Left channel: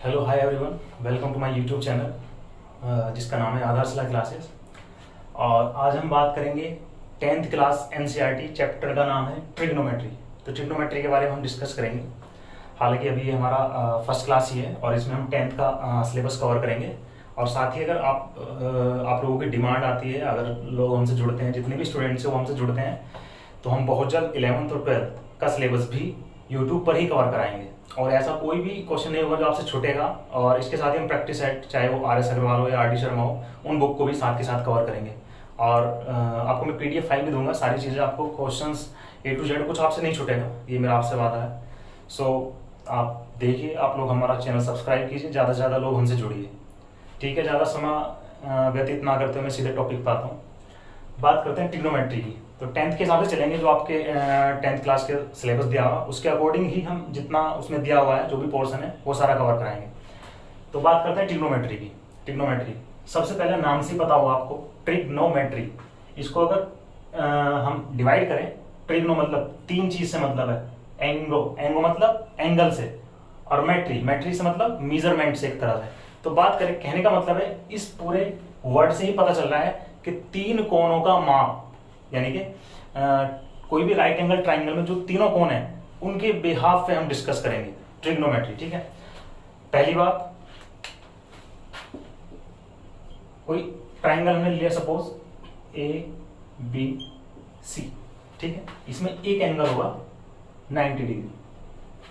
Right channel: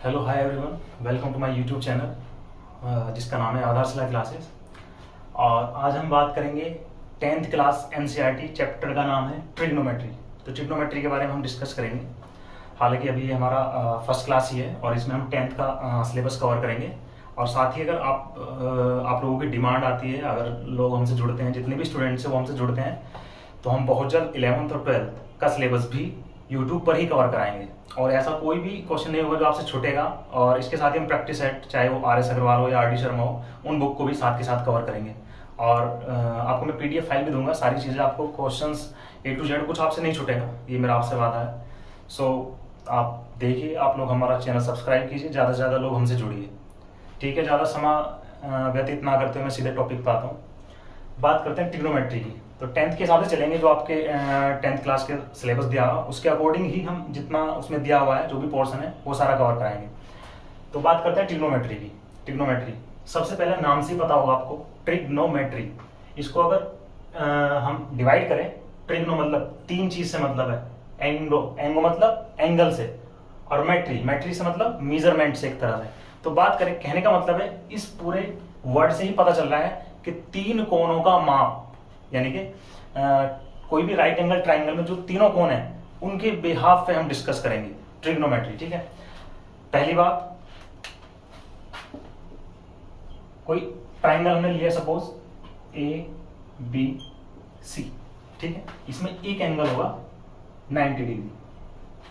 Hello hi everyone, welcome to my YouTube channel जिसका नाम है आधारशिला क्लासेस। और आज हम बात करेंगे 10th क्लास एनसीईआरटी चैप्टर का नाम है ट्रिग्नोमेट्री। तो ट्रिग्नोमेट्री के बारे में हम डिस्कस करेंगे। हालांकि अभी ये हमारा फर्स्ट क्लास ही है और इसमें हम 10th का सिलेबस कवर करेंगे। और साथ ही अगर आप लोगों की डिमांड आती है, अगर लोग हमसे जुड़ते हैं, जितने भी स्टूडेंट्स हैं वो हमसे जुड़ते हैं, तो हम बहुत जल्द 11th और 12th का सिलेबस भी यूट्यूब पर ही कवर कराएंगे। और ऐसा कोई भी क्वेश्चन नहीं होगा जो आपसे छूटेगा। और इसके साथ ही हम प्रैक्टिस सेट, चाहे वो आर एस अग्रवाल हो या आर डी शर्मा हो, उन बुक को भी साथ के साथ कवर करेंगे। और आपको मैं PDF फाइल भी दूंगा, सारी चीज़ें आपको, क्वेश्चंस A to Z कुछ आपसे नहीं छूटेगा, ये मेरा आपसे वादा है। सो आप देखिए, आप लोग हमारा चैनल सब्सक्राइब कीजिए, ज़्यादा से ज़्यादा लोग हमसे जुड़िए। ठीक है, ज़्यादा समय व्यतीत ना करते हुए मैं सीधे टॉपिक पर आता हूँ। बात करते हैं ट्रिग्नोमेट्री की। तो 10th के हिसाब से चलेंगे, जो आपके 10th क्लास के सिलेबस दिया हुआ उसके अकॉर्डिंग ही हम जितना उसमें दिया हुआ है, जो भी पोर्शन है वो सारा कवर कराएंगे। तो बात करते हैं ट्रिग्नोमेट्री की। ट्रिग्नोमेट्री सबसे पहले नाम से ही पता होगा आपको, ट्रिग्नोमेट्री। इसको अगर हम डिवाइड करें, ट्रिग्नो मतलब तीन चीज से मतलब है। एंगो मतलब एंगल से, और मैट्री से मतलब मेजरमेंट से एक तरह से। तो बात करें, कहने का मतलब है, इस पूरे वर्ड से ही पता चल रहा है कि तीन कोणों का माप, यानी कि कोई भी राइट एंगल ट्राइंगल में जो तीनों कोण हैं उनके बिहाफ पे हम डिस्कस करेंगे ट्रिग्नोमेट्री। ठीक है, पहली बात, कोई ट्राइंगल हमने लिया, सपोज ABC। ठीक है, इसमें एक एंगल होगा 90 डिग्री।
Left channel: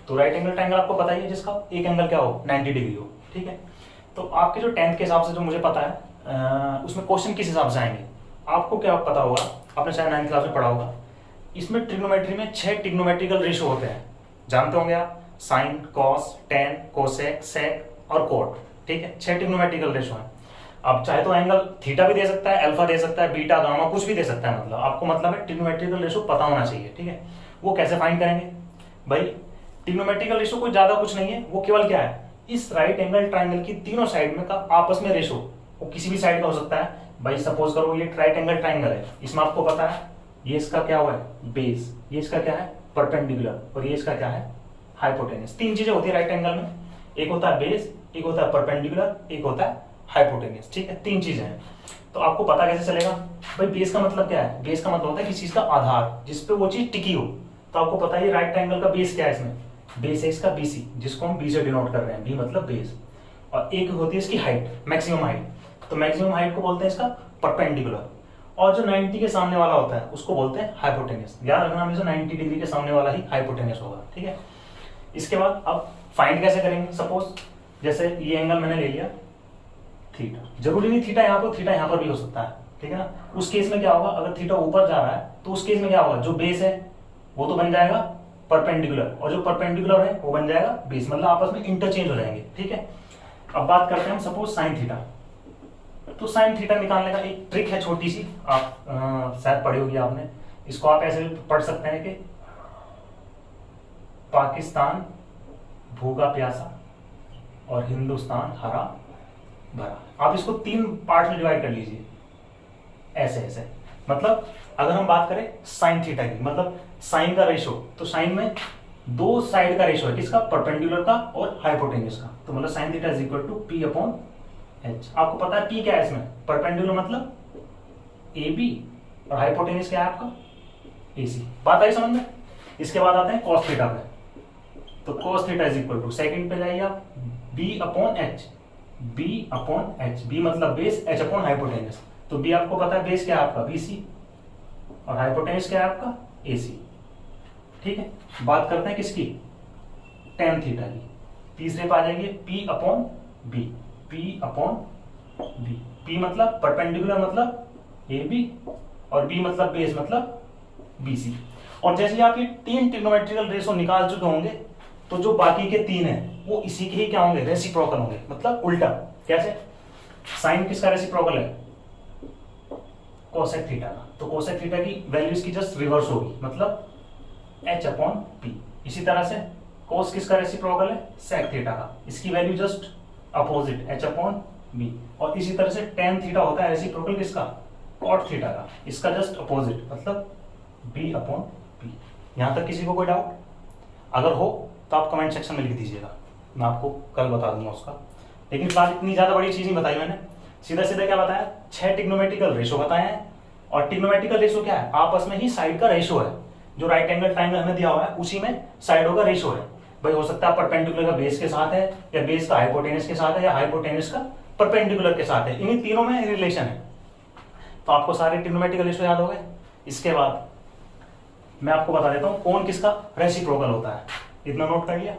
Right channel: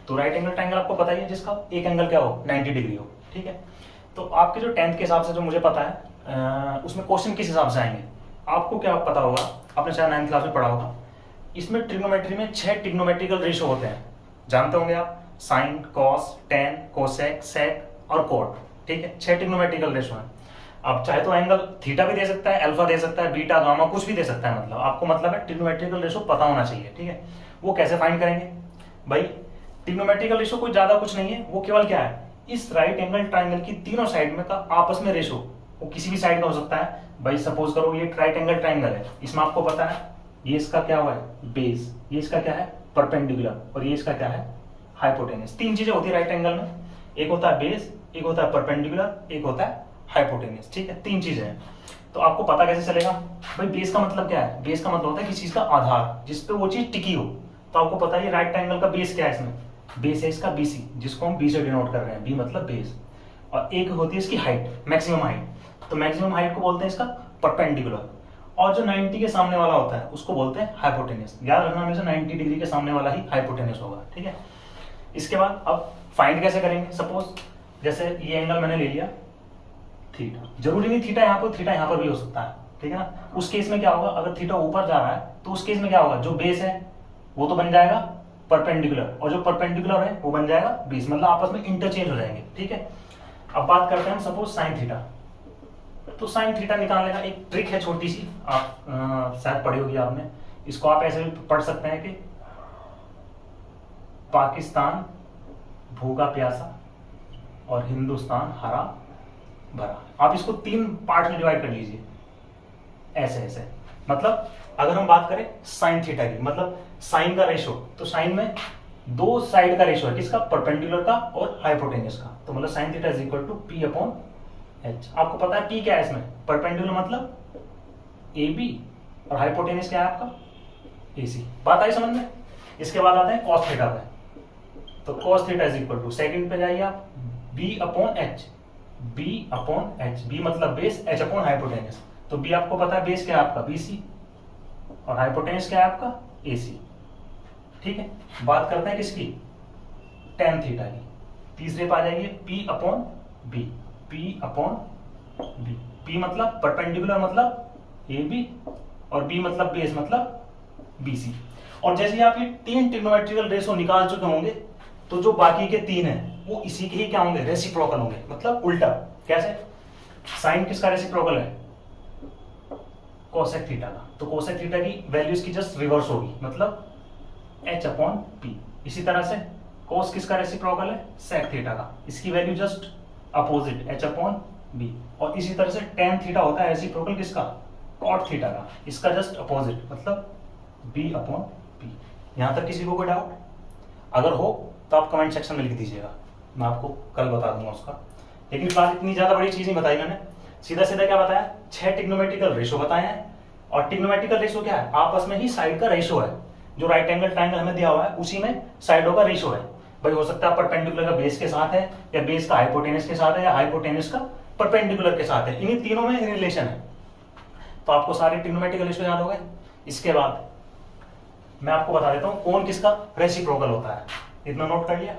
तो राइट एंगल ट्राइंगल आपको पता ही है, जिसका एक एंगल क्या हो, 90 डिग्री हो। ठीक है, तो आपके जो 10th के हिसाब से जो मुझे पता है, उसमें क्वेश्चन किस हिसाब से आएंगे आपको क्या पता होगा, आपने शायद 9th क्लास में पढ़ा होगा। इसमें ट्रिग्नोमेट्री में 6 ट्रिग्नोमेट्रिकल रेशो होते हैं, जानते होंगे आप, साइन, कॉस, टेन, कोसेक, सेक और कोट। ठीक है, 6 ट्रिग्नोमेट्रिकल रेशो हैं। अब चाहे तो एंगल थीटा भी दे सकता है, अल्फा दे सकता है, बीटा, गामा, कुछ भी दे सकता है। मतलब आपको मतलब है ट्रिग्नोमेट्रिकल रेशो पता होना चाहिए। ठीक है, वो कैसे फाइंड करेंगे भाई? ट्रिग्नोमेट्रिकल रेशो कोई ज्यादा कुछ नहीं है, वो केवल क्या है, इस राइट एंगल ट्राइंगल की तीनों साइड में का आपस में रेशो, वो किसी भी साइड का हो सकता है। भाई सपोज करो ये राइट एंगल ट्राइंगल है, इसमें आपको पता है ये इसका क्या हुआ है, बेस, ये इसका क्या है, परपेंडिकुलर, और ये इसका क्या है, हाइपोटेन्यूस। तीन चीजें होती है राइट एंगल में, एक होता है बेस, एक होता है परपेंडिकुलर, एक होता है हाइपोटेन्यूस। ठीक है, तीन चीजें हैं। तो आपको पता कैसे चलेगा भाई? बेस का मतलब क्या है? बेस का मतलब होता है किसी चीज का आधार, जिसपे वो चीज टिकी हो। तो आपको पता है ये राइट एंगल का बेस क्या है, इसमें बेस है इसका BC, जिसको हम B से डिनोट कर रहे हैं, B मतलब बेस। और एक होती है इसकी हाइट, मैक्सिमम हाइट। तो मैक्सिमम हाइट को बोलते हैं इसका परपेंडिकुलर। और जो 90 के सामने वाला होता है उसको बोलते हैं हाइपोटेन्यूस। याद रखना, हमेशा 90 डिग्री के सामने वाला ही हाइपोटेन्यूस होगा। ठीक है, इसके बाद अब फाइंड कैसे करेंगे? सपोज जैसे ये एंगल मैंने ले लिया थीटा, जरूरी नहीं थीटा यहाँ पर, थीटा यहाँ पर भी हो सकता है। ठीक है ना, उस केस में क्या होगा, अगर थीटा ऊपर जा रहा है तो उस केस में क्या होगा, जो बेस है वो तो बन जाएगा परपेंडिकुलर, और जो परपेंडिकुलर है वो बन जाएगा बेस, मतलब आपस में इंटरचेंज हो जाएंगे। ठीक है, अब बात करते हैं सपोज साइन थीटा। तो साइन थीटा निकालने का एक ट्रिक है छोटी सी, आप शायद पढ़ी होगी आपने। इसको आप ऐसे भी पढ़ सकते हैं कि पाकिस्तान भूखा प्यासा और हिंदुस्तान हरा भरा। आप इसको 3 पार्ट में डिवाइड कर लीजिए, ऐसे ऐसे। मतलब अगर हम बात करें साइन थीटा की, मतलब साइन का रेशो, तो साइन में दो साइड का रेशो है, किसका, परपेंडिकुलर का और हाइपोटेन्यूस का। तो मतलब sine theta is equal to P/H। आपको पता है P क्या है इसमें, परपेंडिकुलर मतलब AB, और हाइपोटेन्यूस क्या है आपका, AC। बात आई समझ में? इसके बाद आते हैं cos थीटा पे। तो cos theta is equal to, second पे जाइए आप, B/H। B मतलब बेस, H अपॉन हाइपोटेन्यूस। तो B आपको पता है बेस क्या है आपका, BC, और हाइपोटेन्यूस क्या है आपका, AC। ठीक है, बात करते हैं किसकी, tan थीटा की। तीसरे पे आ जाइए P/B। P मतलब परपेंडिकुलर मतलब AB, और B मतलब बेस मतलब BC। और जैसे आप ये 3 ट्रिग्नोमेट्रिकल रेशो निकाल चुके होंगे, तो जो बाकी के 3 हैं वो इसी के ही क्या होंगे, रेसिप्रोकल होंगे, मतलब उल्टा। कैसे? साइन किसका रेसिप्रोकल है, कोसेक थीटा का। तो कोसेक थीटा की वैल्यू इसकी जस्ट रिवर्स होगी, मतलब H/P। इसी तरह से कोस किसका रेसिप्रोकल है, सेक थीटा का, इसकी वैल्यू जस्ट अपोजिट, H/B। और इसी तरह से tan थीटा होता है रेसिप्रोकल किसका, कॉट थीटा का, इसका जस्ट अपोजिट, मतलब B/P। यहां तक किसी को कोई डाउट? अगर हो तो आप कमेंट सेक्शन में लिख दीजिएगा। मैं आपको कल बता दूंगा उसका। लेकिन बात इतनी ज़्यादा बड़ी चीज़ नहीं बताई मैंने, सीधा सीधा क्या बताया, 6 ट्रिग्नोमेट्रिकल रेशो बताए हैं। और ट्रिग्नोमेट्रिकल रेशो क्या है, आपस में ही साइड का रेशो है। जो राइट एंगल ट्राइंगल हमें दिया हुआ है उसी में साइडों का रेशो है। भाई हो सकता है परपेंडिकुलर का बेस के साथ है, या बेस का हाइपोटेनस के साथ है, या हाइपोटेनस का परपेंडिकुलर के साथ है, इन्हीं तीनों में रिलेशन है। तो आपको सारे ट्रिग्नोमेट्रिकल रेशो याद हो गए। इसके बाद मैं आपको बता देता हूं कोण किसका रेसिप्रोकल होता है। इतना नोट कर लिया,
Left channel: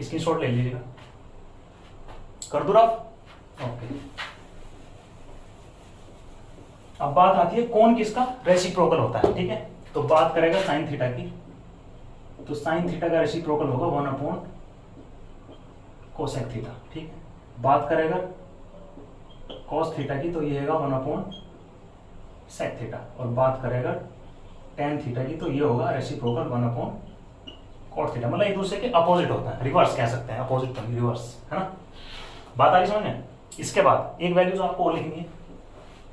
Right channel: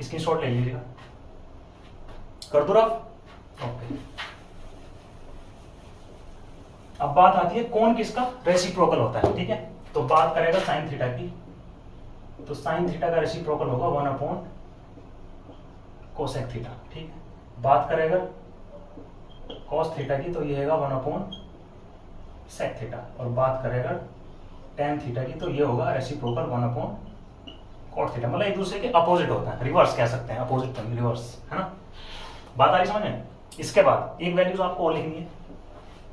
स्क्रीनशॉट ले लीजिएगा, कर दो रफ। ओके, अब बात आती है कोण किसका रेसिप्रोकल होता है। ठीक है, तो बात करेगा साइन थीटा की, तो साइन थीटा का रेसिप्रोकल होगा 1 कोसेक थीटा। ठीक है, बात करेगा कॉस थीटा की, तो ये होगा 1 सेक थीटा। और बात करेगा टेन थीटा की, तो ये होगा रेसिप्रोकल 1 कॉट थीटा। मतलब एक दूसरे के अपोजिट होता है, रिवर्स कह सकते हैं, अपोजिट तो नहीं, रिवर्स, है ना। बात आ रही समझ में। इसके बाद एक वैल्यूज आपको और लिखनी है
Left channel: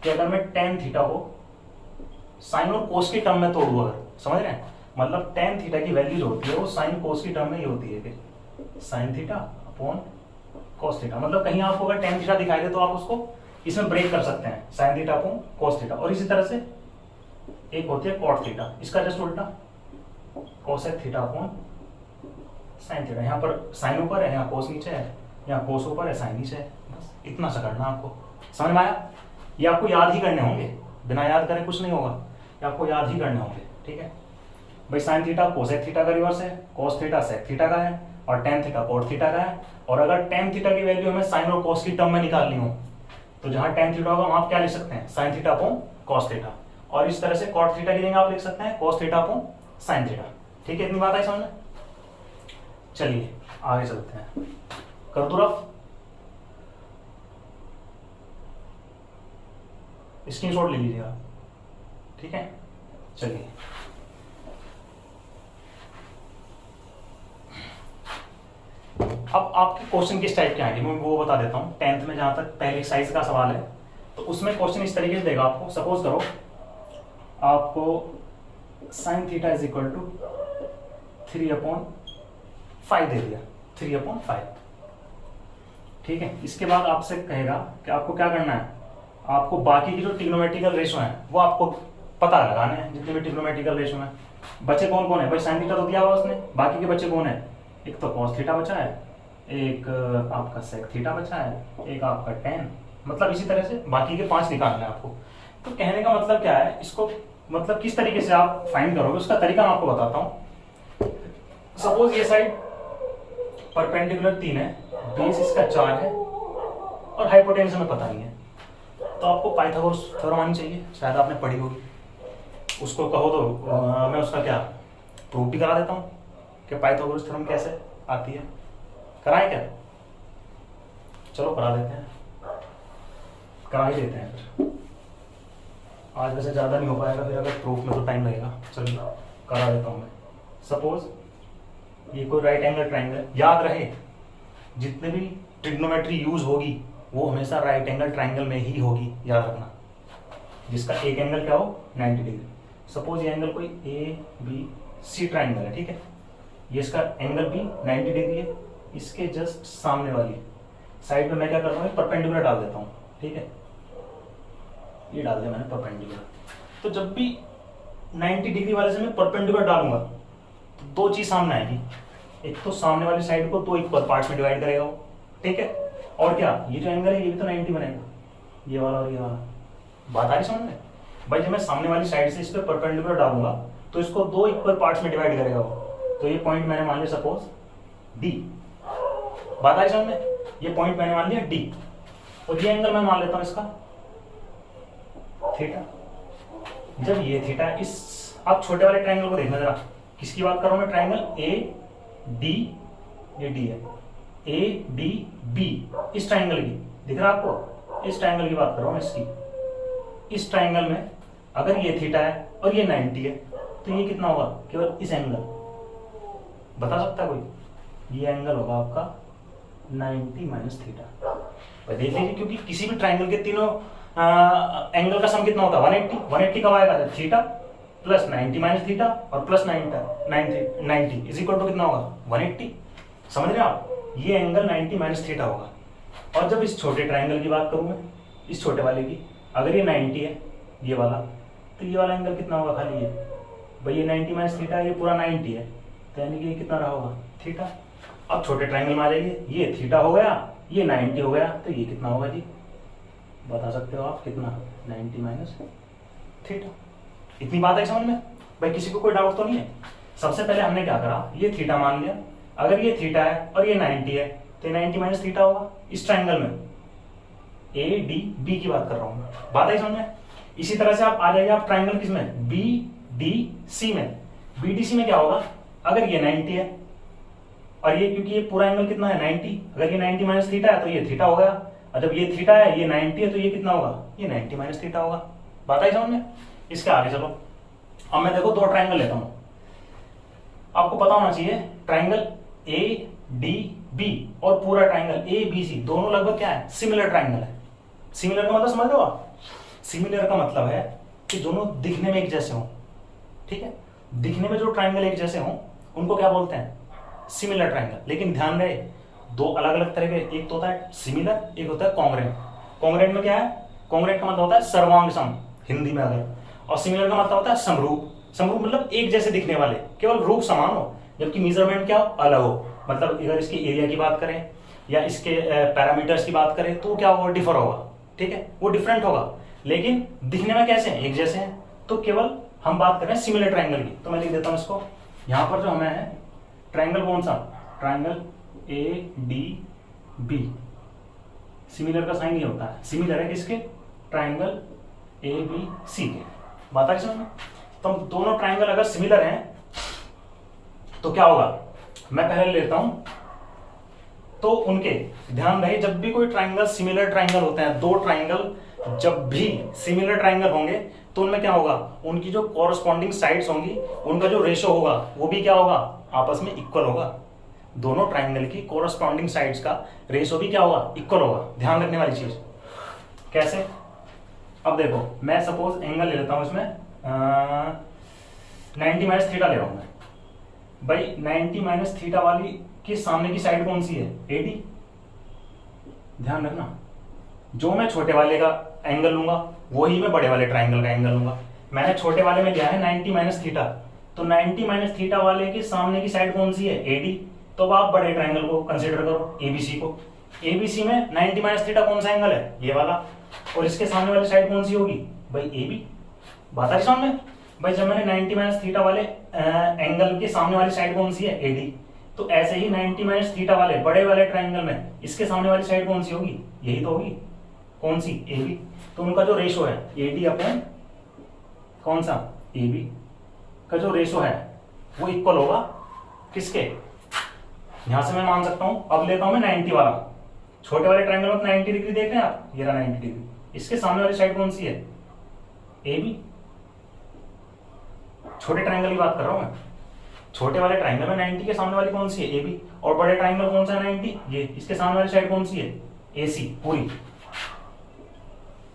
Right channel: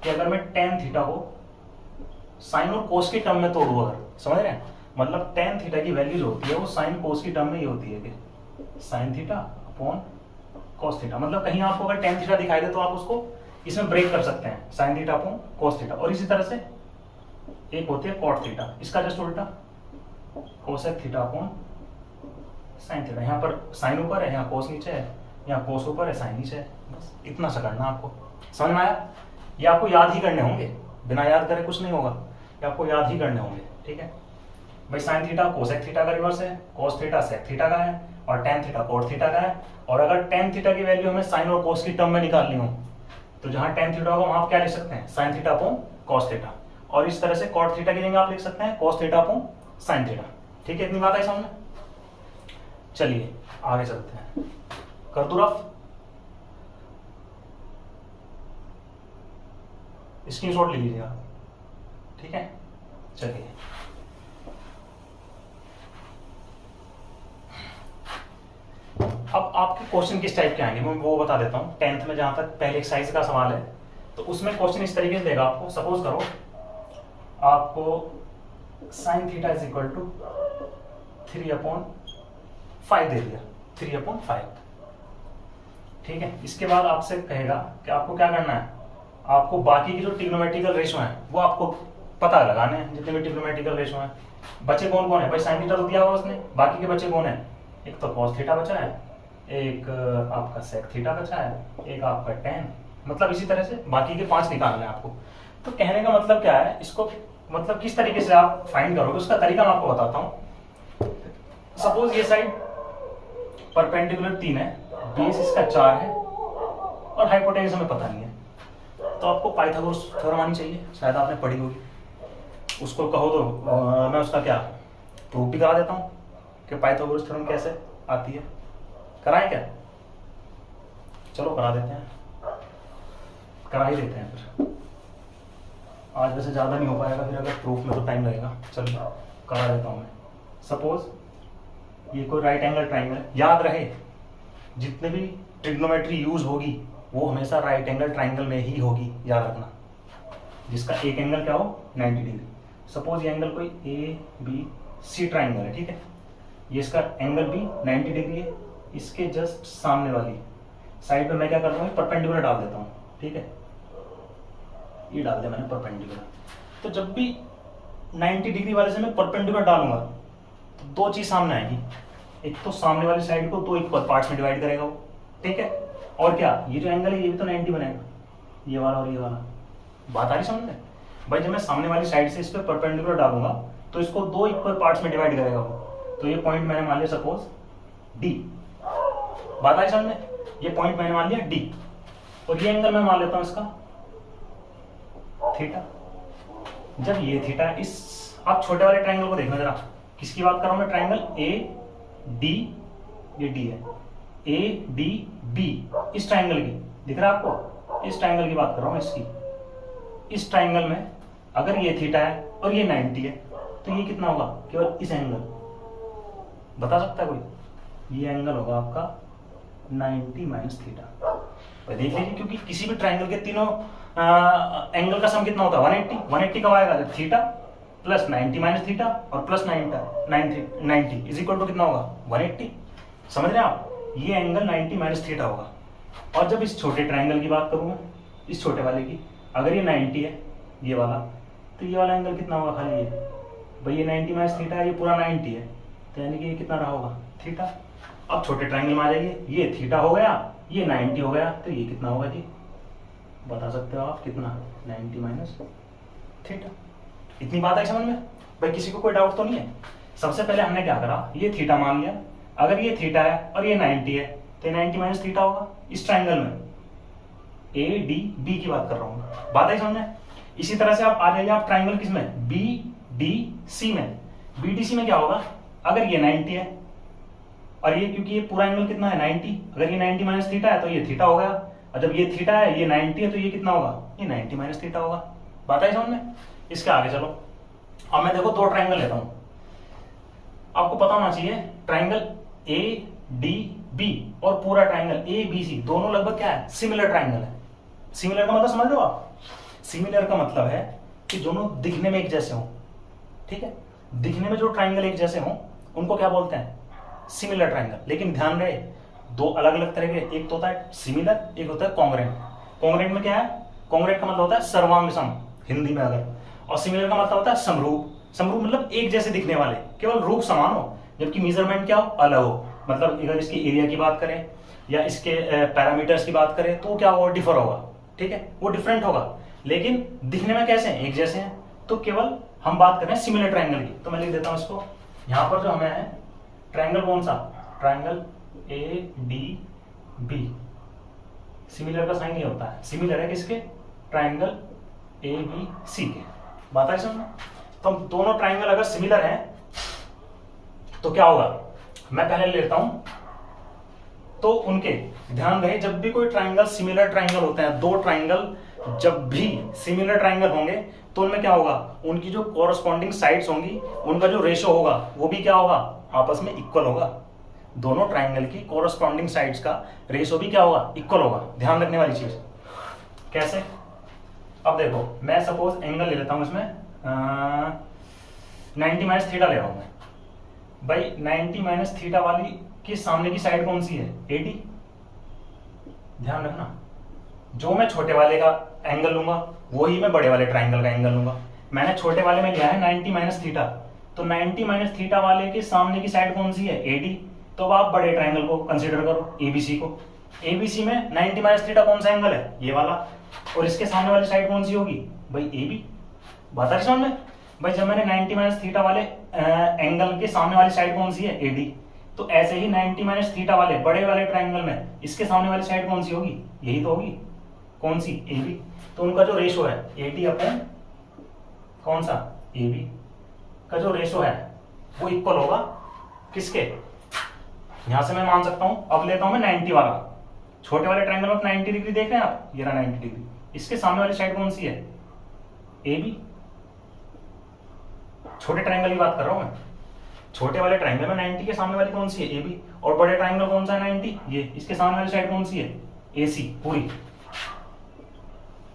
कि अगर मैं टेन थीटा को साइन और कोस की टर्म में तोड़ू, अगर समझ रहे हैं, मतलब टेन थीटा की वैल्यूज होती है वो साइन कोस की टर्म में ही होती है कि sine theta upon cos theta. मतलब कहीं आपको अगर टेन थीटा दिखाई दे तो आप उसको इसमें ब्रेक कर सकते हैं, sine theta upon cos theta. और इसी तरह से एक होती है कॉट थीटा, इसका जस्ट उल्टा cosec theta upon sine theta. यहाँ पर साइन ऊपर है, यहाँ कोस नीचे है, यहाँ कोस ऊपर है, साइन नीचे है। बस इतना सा करना आपको, समझ में आया। ये आपको याद ही करने होंगे, बिना याद करे कुछ नहीं होगा, ये आपको याद ही करने होंगे। ठीक है भाई, साइन थीटा कोसेक थीटा का रिवर्स है, कोस थीटा सेक थीटा का है, और टेन थीटा कोट थीटा का है। और अगर टेन थीटा की वैल्यू हमें साइन और कोस की टर्म में निकालनी हो तो जहां टेन थीटा होगा वहां आप क्या लिख सकते हैं, sine theta upon cos theta. और इस तरह से कॉट थीटा की जगह आप लिख सकते हैं cos theta upon sine theta. ठीक है, इतनी बात है समझ में। चलिए आगे चलते हैं, कर दो रफ, स्क्रीनशॉट ले लीजिएगा। ठीक है, चलिए अब आपके क्वेश्चन किस टाइप के आएंगे मैं वो बता देता हूँ। टेंथ में जहां तक पहले एक्सरसाइज का सवाल है तो उसमें क्वेश्चन इस तरीके से देगा आपको। सपोज करो आपको sine theta is equal to 3/5 दे दिया, 3/5। ठीक है, इसके बाद आपसे कहेगा कि आपको क्या करना है, आपको बाकी की जो ट्रिग्नोमेट्रिकल रेशो है वो आपको पता लगाने हैं, जितने भी ट्रिग्नोमेट्रिकल रेशो हैं। बचे कौन कौन है भाई, साइन थीटा तो दिया हुआ उसने, बाकी के बच्चे कौन है, एक तो कॉस थीटा बचा है, एक आपका सेक थीटा बचा है, एक आपका टेन। मतलब इसी तरह से बाकी के 5 निकालना है आपको। तो कहने का मतलब क्या है, इसको मतलब किस तरीके से आप फाइंड करोगे उसका तरीका मैं आपको बताता हूँ। सपोज ये साइड परपेंडिकुलर 3 है, बेस इसका 4 है, और हाइपोटेनस हमें पता नहीं है, तो आपको पाइथागोरस थ्योरम आनी चाहिए, शायद आपने पढ़ी होगी। उसको कहो तो मैं उसका क्या प्रूफ भी करा देता हूँ कि पाइथागोरस थ्योरम कैसे आती है। कराएं क्या, चलो करा देते हैं, करा ही देते हैं फिर। आज वैसे ज़्यादा नहीं हो पाएगा, फिर अगर प्रूफ में तो टाइम लगेगा। चलिए करा देता हूँ मैं। सपोज ये कोई राइट एंगल ट्राइंगल है, याद रहे जितने भी ट्रिग्नोमेट्री यूज होगी वो हमेशा राइट एंगल ट्राइंगल में ही होगी, याद रखना, जिसका एक एंगल क्या हो 90 डिग्री। सपोज ये एंगल कोई ABC ट्राइंगल है, ठीक है, ये इसका एंगल भी 90 डिग्री है, इसके जस्ट सामने वाली साइड में मैं क्या करता हूँ, परपेंडिकुलर डाल देता हूँ। ठीक है, ये डाल दिया मैंने परपेंडिकुलर। तो जब भी 90 डिग्री वाले से मैं परपेंडिकुलर डालूंगा तो 2 चीज सामने आएगी, एक तो सामने वाली साइड को 2 इक्वल पार्ट्स में डिवाइड करेगा वो, ठीक है, और क्या ये जो एंगल है ये भी तो 90 बनेगा, ये वाला और ये वाला। बात आ रही समझ में भाई, जब मैं सामने वाली साइड से इस पर परपेंडिकुलर डालूंगा तो इसको 2 इक्वल पार्ट्स में डिवाइड करेगा वो। तो ये पॉइंट मैंने मान लिया सपोज D। बात आ रही समझ में, ये पॉइंट मैंने मान लिया D, और ये एंगल मैं मान लेता हूं इसका थीटा। जब ये थीटा इस, आप छोटे वाले ट्रायंगल को देखना जरा, किसकी बात कर रहा हूं मैं, ट्रायंगल AD, ये D है, ADB, इस ट्रायंगल की दिख रहा है आपको, इस ट्रायंगल की बात कर रहा हूं इसकी। इस ट्रायंगल में अगर ये थीटा है और ये 90 है तो ये कितना होगा, केवल इस एंगल, बता सकता है कोई, ये एंगल होगा आपका 90 माइनस थीटा। देख लीजिए, क्योंकि किसी भी ट्रायंगल के तीनों एंगल का सम कितना होता है 180। 180 कब आएगा, जब थीटा प्लस 90 माइनस थीटा और प्लस 90 इज इक्वल टू कितना होगा 180। समझ रहे हैं आप, ये एंगल 90 माइनस थीटा होगा। और जब इस छोटे ट्राइंगल की बात करूँ मैं, इस छोटे वाले की, अगर ये 90 है ये वाला, तो ये वाला एंगल कितना होगा खाली ये, भाई ये 90 माइनस थीटा है, ये पूरा 90 है, तो यानी कि ये कितना रहा होगा थीटा। अब छोटे ट्राइंगल में आ जाइए, ये थीटा हो गया, ये 90 हो गया, तो ये कितना होगा जी, बता सकते हो आप कितना, 90 माइनस थीटा। इतनी बात है समझ में भाई, किसी को कोई डाउट तो नहीं है। सबसे पहले हमने क्या करा, ये थीटा मान लिया, अगर ये थीटा है और ये 90 है तो 90 माइनस थीटा होगा इस ट्राइंगल में, ए डी बी की बात कर रहा हूँ, बात है समझ में। इसी तरह से आप आ जाइए आप ट्राइंगल किसमें, बी डी सी में। बी डी सी में क्या होगा, अगर ये 90 है और ये, क्योंकि ये पूरा एंगल कितना है 90, अगर ये 90 माइनस थीटा है तो ये थीटा हो गया, और जब ये थीटा है ये 90 है तो ये कितना होगा, ये 90 माइनस थीटा होगा। बात है समझ में। इसके आगे चलो, अब मैं देखो दो ट्राइंगल लेता हूं, आपको पता होना चाहिए ट्राइंगल ए डी बी और पूरा ट्राइंगल ए बी सी दोनों लगभग क्या है, सिमिलर ट्राइंगल है। सिमिलर का मतलब समझ लो आप, सिमिलर का मतलब है कि दोनों दिखने में एक जैसे हों, ठीक है। दिखने में जो ट्राइंगल एक जैसे हों उनको क्या बोलते हैं, सिमिलर ट्राइंगल। लेकिन ध्यान रहे, दो अलग अलग तरह के, एक तो होता है सिमिलर, एक होता है कॉन्ग्रेंट। कॉन्ग्रेंट में क्या है, कॉन्ग्रेंट का मतलब होता है सर्वांग सम हिंदी में अगर, और सिमिलर का मतलब होता है समरूप। समरूप मतलब एक जैसे दिखने वाले, केवल रूप समान हो, जबकि मेजरमेंट क्या हो, अलग हो। मतलब अगर इसकी एरिया की बात करें या इसके पैरामीटर्स की बात करें तो क्या होगा, डिफर होगा, ठीक है, वो डिफरेंट होगा, लेकिन दिखने में कैसे हैं, एक जैसे हैं। तो केवल हम बात कर रहे हैं सिमिलर ट्राइंगल की, तो मैं लिख देता हूं इसको यहां पर, जो हमें है ट्राइंगल कौन सा, triangle A D B. Similar का साइन ये होता है, सिमिलर है किसके, ट्राइंगल ए बी सी के। बात है समझ। तो दोनों ट्राइंगल अगर सिमिलर हैं तो क्या होगा, मैं पहले लेता हूं, तो उनके ध्यान रहे, जब भी कोई ट्राइंगल सिमिलर ट्राइंगल होते हैं, दो ट्राइंगल जब भी सिमिलर ट्राइंगल होंगे तो उनमें क्या होगा, उनकी जो कॉरस्पॉन्डिंग साइड्स होंगी उनका जो रेशो होगा वो भी क्या होगा, आपस में इक्वल होगा। दोनों ट्राइंगल की कॉरस्पॉन्डिंग साइड्स का रेशो भी क्या होगा, इक्वल होगा। ध्यान रखने वाली चीज कैसे, अब देखो मैं सपोज एंगल ले लेता हूं इसमें 90 माइनस थीटा ले रहा हूं मैं भाई। 90 माइनस थीटा वाली की सामने की साइड कौन सी है, 80। ध्यान रखना, जो मैं छोटे वाले का एंगल लूंगा वही मैं बड़े वाले ट्राइंगल का एंगल लूंगा। मैंने छोटे वाले में लिया है 90 माइनस थीटा, तो 90 माइनस थीटा वाले के सामने की साइड कौन सी है, 80। तो अब आप बड़े ट्राइंगल को कंसीडर करो, एबीसी को। एबीसी में 90 माइनस थीटा कौन सा एंगल है, ये वाला, और इसके सामने वाली साइड कौन सी होगी भाई, एबी। बात आ रही समझ में भाई, जब मैंने 90 माइनस थीटा वाले एंगल के सामने वाली साइड कौन सी है, एडी, तो ऐसे ही 90 माइनस थीटा वाले बड़े वाले ट्राइंगल में इसके सामने वाली साइड कौन सी होगी, यही तो होगी, कौन सी, एबी। तो उनका जो रेशो है एडी अपन कौन सा, एबी का जो रेशो है वो इक्वल होगा किसके, यहां से मैं मान सकता हूं, अब लेता हूं मैं 90 वाला, छोटे वाले ट्राइंगल में 90 डिग्री देख रहे हैं आप, ये रहा 90 डिग्री, इसके सामने वाली साइड कौन सी है, एबी। छोटे ट्राइंगल की बात कर रहा हूं मैं, छोटे वाले ट्राइंगल में 90 के सामने वाली कौन सी है, एबी, और बड़े ट्राइंगल कौन सा है 90, ये, इसके सामने वाली साइड कौन सी है, एसी, पूरी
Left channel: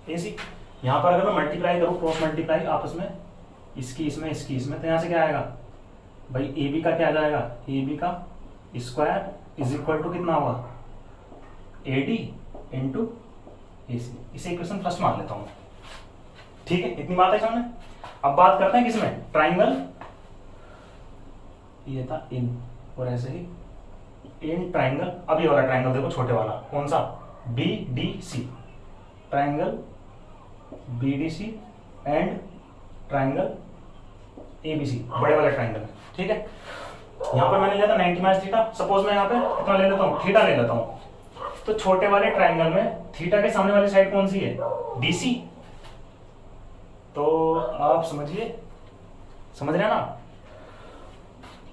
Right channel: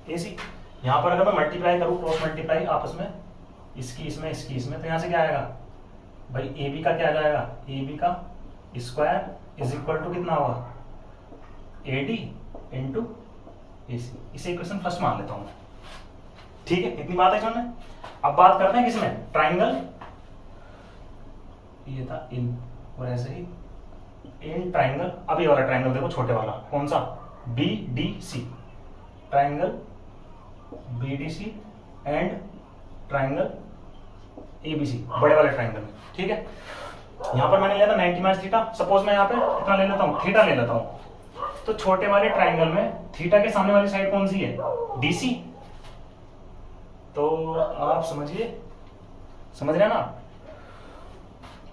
एसी। यहां पर अगर मैं मल्टीप्लाई करूं, क्रॉस मल्टीप्लाई आपस में, इसकी इसमें इसकी इसमें, तो यहां से क्या आएगा भाई, एबी का क्या आ जाएगा, एबी का स्क्वायर इज इक्वल टू कितना होगा, एडी इंटू एसी। इसे इक्वेशन फर्स्ट मान लेता हूं, ठीक है, इतनी बात है सामने। अब बात करते हैं किसमें, ट्राइंगल, ये था इन, और ऐसे ही इन ट्राइंगल। अब ये वाला ट्राइंगल देखो, छोटे वाला कौन सा, B D C, triangle B D C and triangle A B C, बड़े वाले ट्राइंगल में, ठीक है। यहां पर मैंने लिया था 90 माइनस थीटा, सपोज मैं यहां पे कितना ले लेता हूं, थीटा ले लेता हूं। तो छोटे वाले ट्राइंगल में थीटा के सामने वाली साइड कौन सी है, डीसी। तो आप समझिए, समझ रहे हैं ना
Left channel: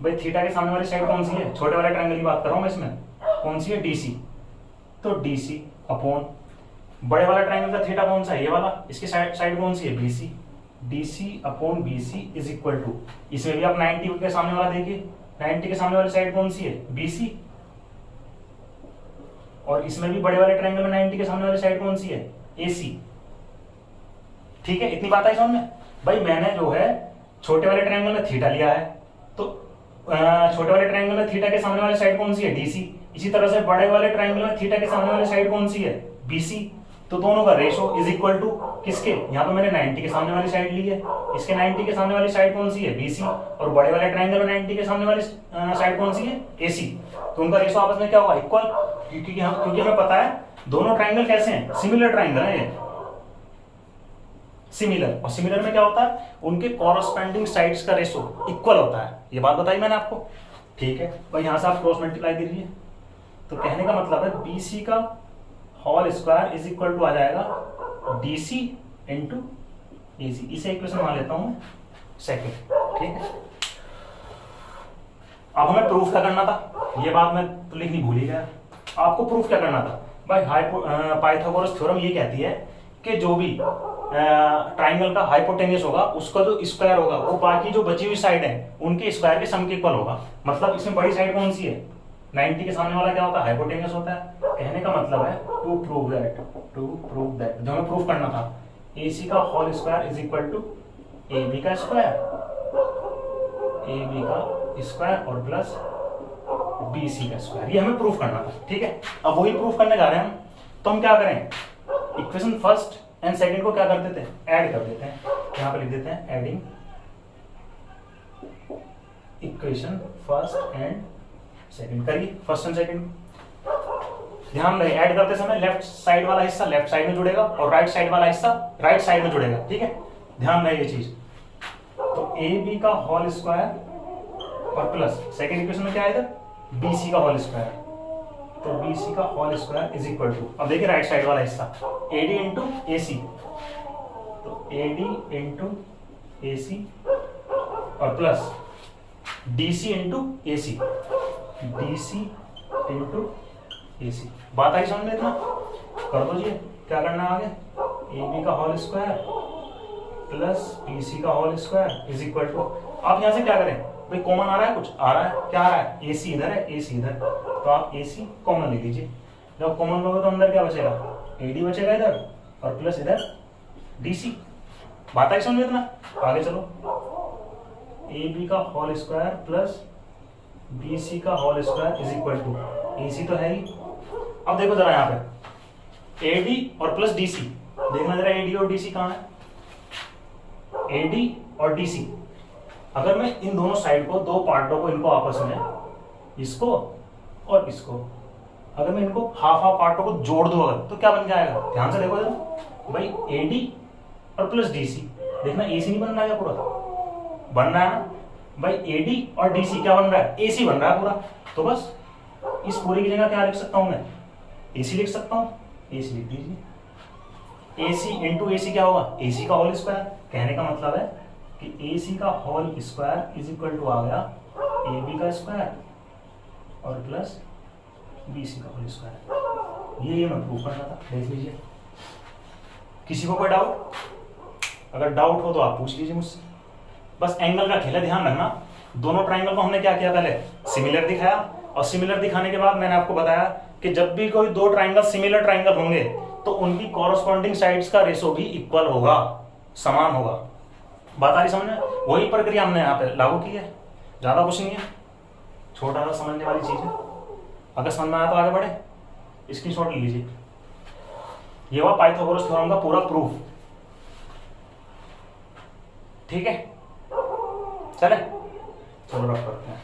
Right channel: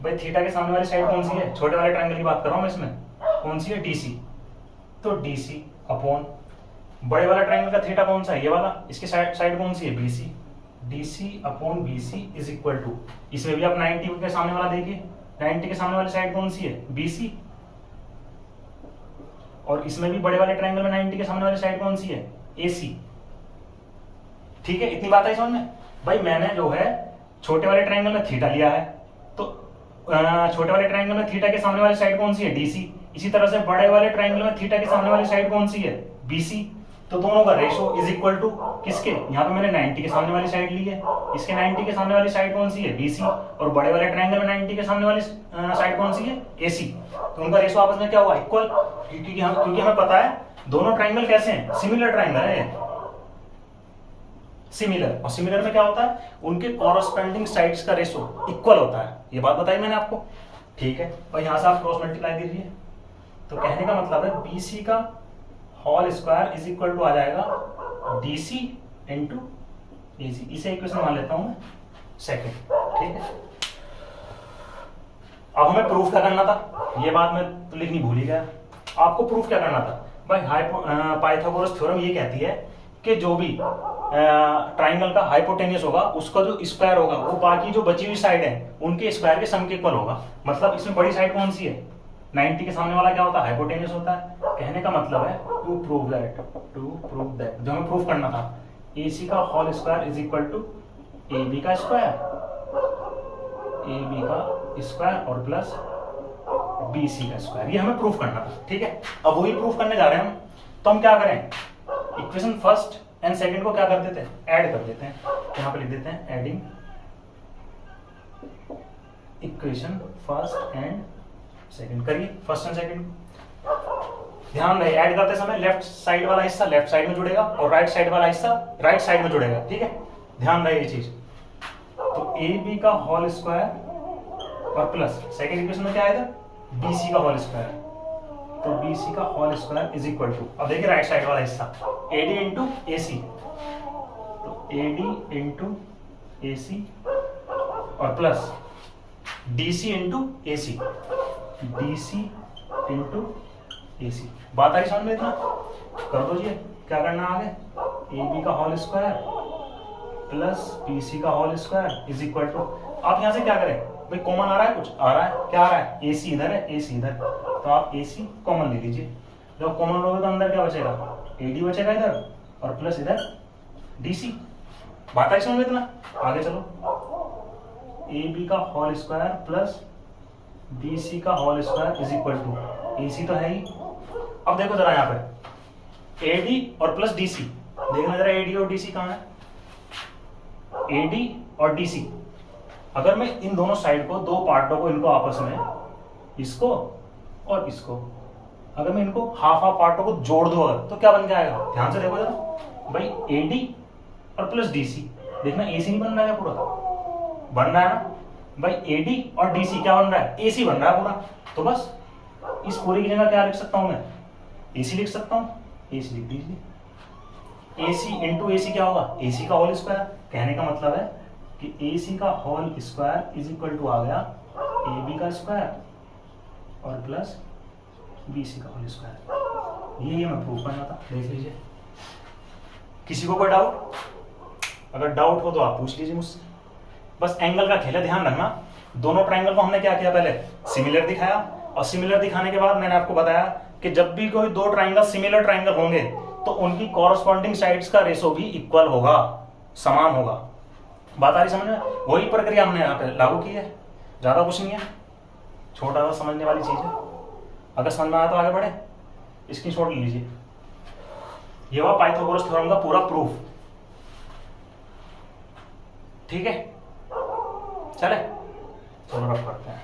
भाई, थीटा के सामने वाली साइड कौन सी है, छोटे वाले ट्राइंगल की बात कर रहा हूं मैं, इसमें कौन सी है, डीसी। तो डीसी अपॉन बड़े वाला ट्राइंगल का थीटा कौन सा है, ये वाला, इसकी साइड कौन सी है, BC. DC upon BC is equal to, इसमें भी आप 90 के सामने वाला देखिए, 90 के सामने वाली साइड कौन सी है, बीसी, और इसमें भी बड़े वाले ट्राइंगल में 90 के सामने वाली साइड कौन सी है, एसी। ठीक है, इतनी बात आई समझ में भाई। मैंने जो है छोटे वाले ट्रायंगल में थीटा लिया है, तो छोटे वाले ट्रायंगल में थीटा के सामने वाली साइड कौन सी है, डीसी। इसी तरह से बड़े वाले ट्रायंगल में थीटा के सामने वाली साइड कौन सी है, बीसी। तो दोनों का रेशो इज इक्वल टू किसके, यहाँ पे मैंने 90 के सामने वाली साइड ली है, इसके 90 के सामने वाली साइड कौन सी है, बीसी, और बड़े वाले ट्रायंगल में 90 के सामने वाली साइड कौन सी है, एसी। तो उनका रेशो आपस में क्या हुआ, इक्वल, क्योंकि हमें पता है दोनों ट्रायंगल कैसे हैं, सिमिलर ट्रायंगल है ये, सिमिलर। और सिमिलर में क्या होता है, उनके कॉरस्पेंडिंग साइड्स का रेशो इक्वल होता है, ये बात बताई मैंने आपको, ठीक है। और यहां से आप क्रॉस मल्टीप्लाई कीजिए, तो कहने का मतलब है बीसी का whole square is equal to आ जाएगा डीसी इंटू एसी। इसे इक्वेशन मान लेता हूं मैं सेकंड, ठीक है। अब हमें प्रूफ क्या करना था, ये बात मैं तो लिखनी भूल ही गया। आपको प्रूफ क्या करना था भाई, पाइथागोरस थ्योरम ये कहती है कि जो भी ट्राइंगल का हाइपोटेन्यूस होगा उसका जो स्क्वायर होगा वो बाकी जो बची हुई साइड है उनके स्क्वायर के सम के इक्वल होगा। मतलब इसमें बड़ी साइड कौन सी है, 90 के सामने वाला क्या होता है, हाइपोटेन्यूस होता है। कहने का मतलब है टू प्रूव दैट जो हमें प्रूव करना था, AC का whole square is equal to AB का स्क्वायर, AB का स्क्वायर और प्लस BC का स्क्वायर, ये हमें प्रूफ करना था, ठीक है। अब वही प्रूफ करने जा रहे हैं हम, तो हम क्या करें, इक्वेशन फर्स्ट एंड सेकंड को क्या कर देते हैं, ऐड कर देते हैं। यहां पे लिख देते हैं adding equation first and second. करिए फर्स्ट एंड सेकंड, ध्यान रहे ऐड करते समय लेफ्ट साइड वाला हिस्सा लेफ्ट साइड में जुड़ेगा और राइट साइड वाला हिस्सा राइट साइड में जुड़ेगा, ठीक है, ध्यान रहे ये चीज। तो AB का होल स्क्वायर और प्लस सेकंड इक्वेशन में क्या आएगा, BC का होल स्क्वायर, तो BC का whole square is equal to, अब देखिए राइट साइड वाला हिस्सा AD इंटू AC, तो AD इंटू AC और plus DC into AC, DC into AC। बात आई समझ में, इतना कर दो जी। क्या करना आगे, AB का होल स्क्वायर प्लस BC का whole square is equal to, आप यहां से क्या करें भाई, कॉमन आ रहा है, कुछ आ रहा है, क्या आ रहा है, AC इधर है, AC इधर, तो आप AC कॉमन ले लीजिए। जब कॉमन लोगे तो अंदर क्या बचेगा, AD बचेगा इधर और प्लस इधर DC। बात आई समझ में, इतना आगे चलो, AB का होल स्क्वायर प्लस BC का whole square is equal to, AC तो है ही। अब देखो जरा यहाँ पे AD और प्लस DC, देखना जरा AD और DC कहाँ है, AD और DC। अगर मैं इन दोनों साइड को, दो पार्टों को, इनको आपस में, इसको और इसको, अगर मैं इनको हाफ हाफ पार्टों को जोड़ दूं अगर, तो क्या बन जाएगा, ध्यान से देखो जरा भाई, AD और प्लस DC। देखना AC नहीं बन रहा है पूरा, बन रहा है ना भाई, AD और DC क्या बन रहा है, AC बन रहा है पूरा। तो बस इस पूरी की जगह क्या लिख सकता हूं मैं, AC लिख सकता हूं, AC लिख दीजिए। AC इंटू AC क्या होगा, AC का होल स्क्वायर। कहने का मतलब है कि AC का whole square is equal to आ गया AB का स्क्वायर और प्लस BC का होल स्क्वायर। ये मैं प्रूफ करना था, देख लीजिए। किसी को कोई डाउट, अगर डाउट हो तो आप पूछ लीजिए मुझसे। बस एंगल का खेल है, ध्यान रखना। दोनों ट्रायंगल को हमने क्या किया, पहले सिमिलर दिखाया, और सिमिलर दिखाने के बाद मैंने आपको बताया कि जब भी कोई दो ट्रायंगल सिमिलर ट्रायंगल होंगे तो उनकी कॉरस्पॉन्डिंग साइड्स का रेशो भी इक्वल होगा, समान होगा। बात आ रही समझ में, वही प्रक्रिया हमने यहाँ पे लागू की है, ज्यादा कुछ नहीं है, छोटा सा समझने वाली चीज है। अगर समझ में आया तो आगे बढ़े, इसकी शॉट लीजिए। ये हुआ पाइथागोरस थ्योरम का पूरा प्रूफ, ठीक है। चले चलो रफ करते हैं।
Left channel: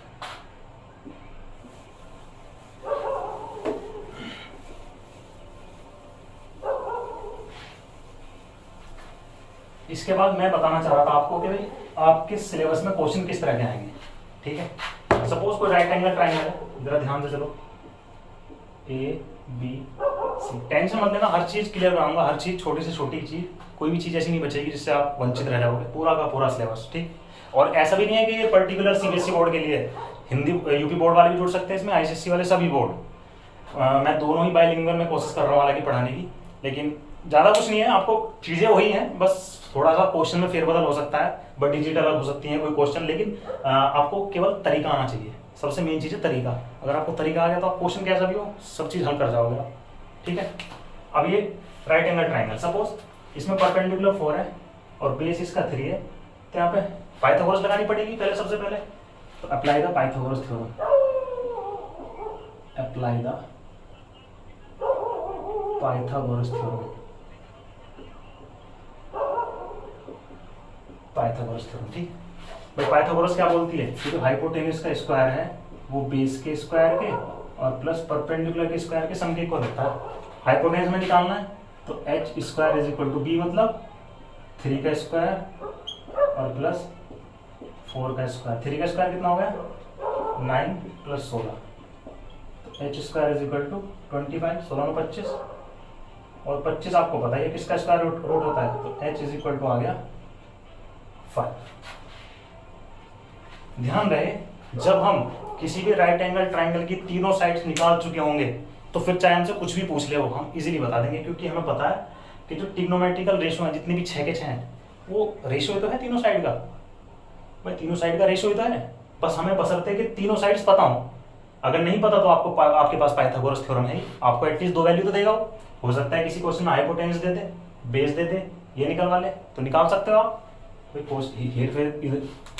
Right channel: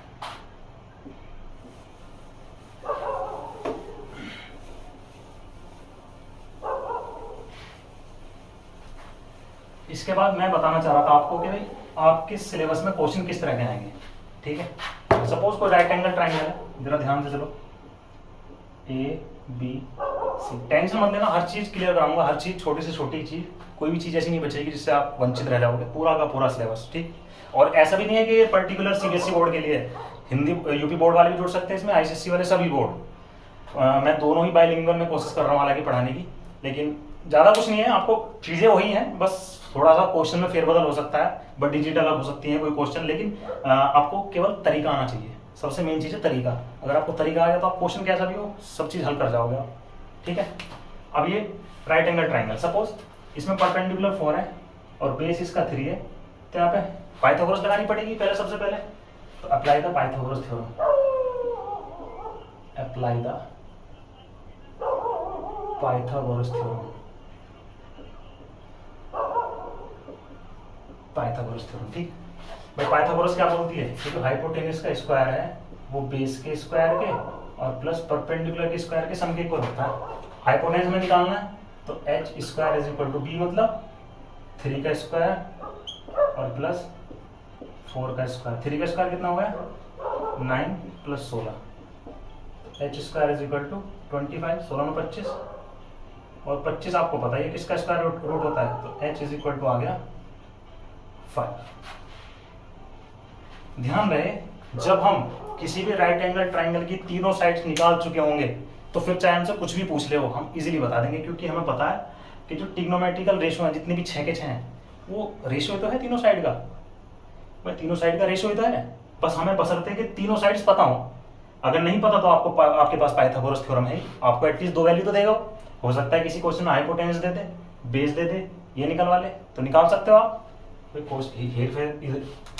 इसके बाद मैं बताना चाह रहा था आपको कि भाई आपके सिलेबस में क्वेश्चन किस तरह के आएंगे, ठीक है। सपोज कोई राइट एंगल ट्रायंगल है, जरा ध्यान से चलो, ABC। टेंशन मत लेना, हर चीज क्लियर कराऊंगा, हर चीज, छोटी से छोटी चीज, कोई भी चीज ऐसी नहीं बचेगी जिससे आप वंचित रह जाओगे, पूरा का पूरा सिलेबस, ठीक। और ऐसा भी नहीं है कि ये पर्टिकुलर CBSE बोर्ड के लिए, हिंदी यूपी बोर्ड वाले भी जुड़ सकते हैं इसमें, ICSE वाले सभी बोर्ड। मैं दोनों ही बाइलिंगुअल में कोशिश कर रहा हूँ हालांकि पढ़ाने की, लेकिन ज्यादा कुछ नहीं है, आपको चीजें वही हैं, बस थोड़ा सा क्वेश्चन में फेरबदल हो सकता है, बट डिजिटल अलग हो सकती है कोई क्वेश्चन, लेकिन आपको केवल तरीका आना चाहिए। सबसे मेन चीज है तरीका। अगर आपको तरीका आ गया तो आप क्वेश्चन कैसा भी हो सब चीज हल कर जाओगे आप, ठीक है। अब ये राइट एंगल ट्रायंगल, सपोज इसमें परपेंडिकुलर 4 है और बेस इसका 3 है, तो यहाँ पे पाइथागोरस लगानी पड़ेगी पहले, सबसे पहले तो apply the Pythagoras theorem, apply the Pythagoras theorem, Pythagoras theorem. ठीक भाई, पाइथागोरस क्या बोलती है कि जो हाइपोटेन्यूज का स्क्वायर है वो बेस के स्क्वायर के और प्लस परपेंडिकुलर के स्क्वायर के सम के इक्वल होता है। हाइपोटेन्यूज में निकालना है तो H square is equal to B, मतलब 3 का स्क्वायर और प्लस 4 का स्क्वायर। 3 का स्क्वायर कितना हो गया 9 plus 16, H square is equal to 25, 16 में 25 और 25 आपको पता है किसका स्क्वायर रूट होता है, तो एच इज इक्वल टू आ गया 5। ध्यान रहे जब हम किसी भी राइट एंगल ट्राइंगल की तीनों साइड्स निकाल चुके होंगे तो फिर चाहे हमसे कुछ भी पूछ ले हो हम इजीली बता देंगे, क्योंकि हमें पता है कि जो ट्रिग्नोमेट्रिकल रेशो है जितने भी 6 के 6 हैं वो रेशो ही तो है तीनों साइड का। भाई तीनों साइड का रेशो ही तो है, बस हमें बशर्ते कि तीनों साइड्स पता हो। अगर नहीं पता तो आपको आपके पास पाइथागोरस थ्योरम है, आपको एटलीस्ट 2 वैल्यू तो देगा। हो सकता है किसी क्वेश्चन में हाइपोटेन्यूज दे दे, बेस दे दे, ये निकलवा ले तो निकाल सकते हो आप। फिर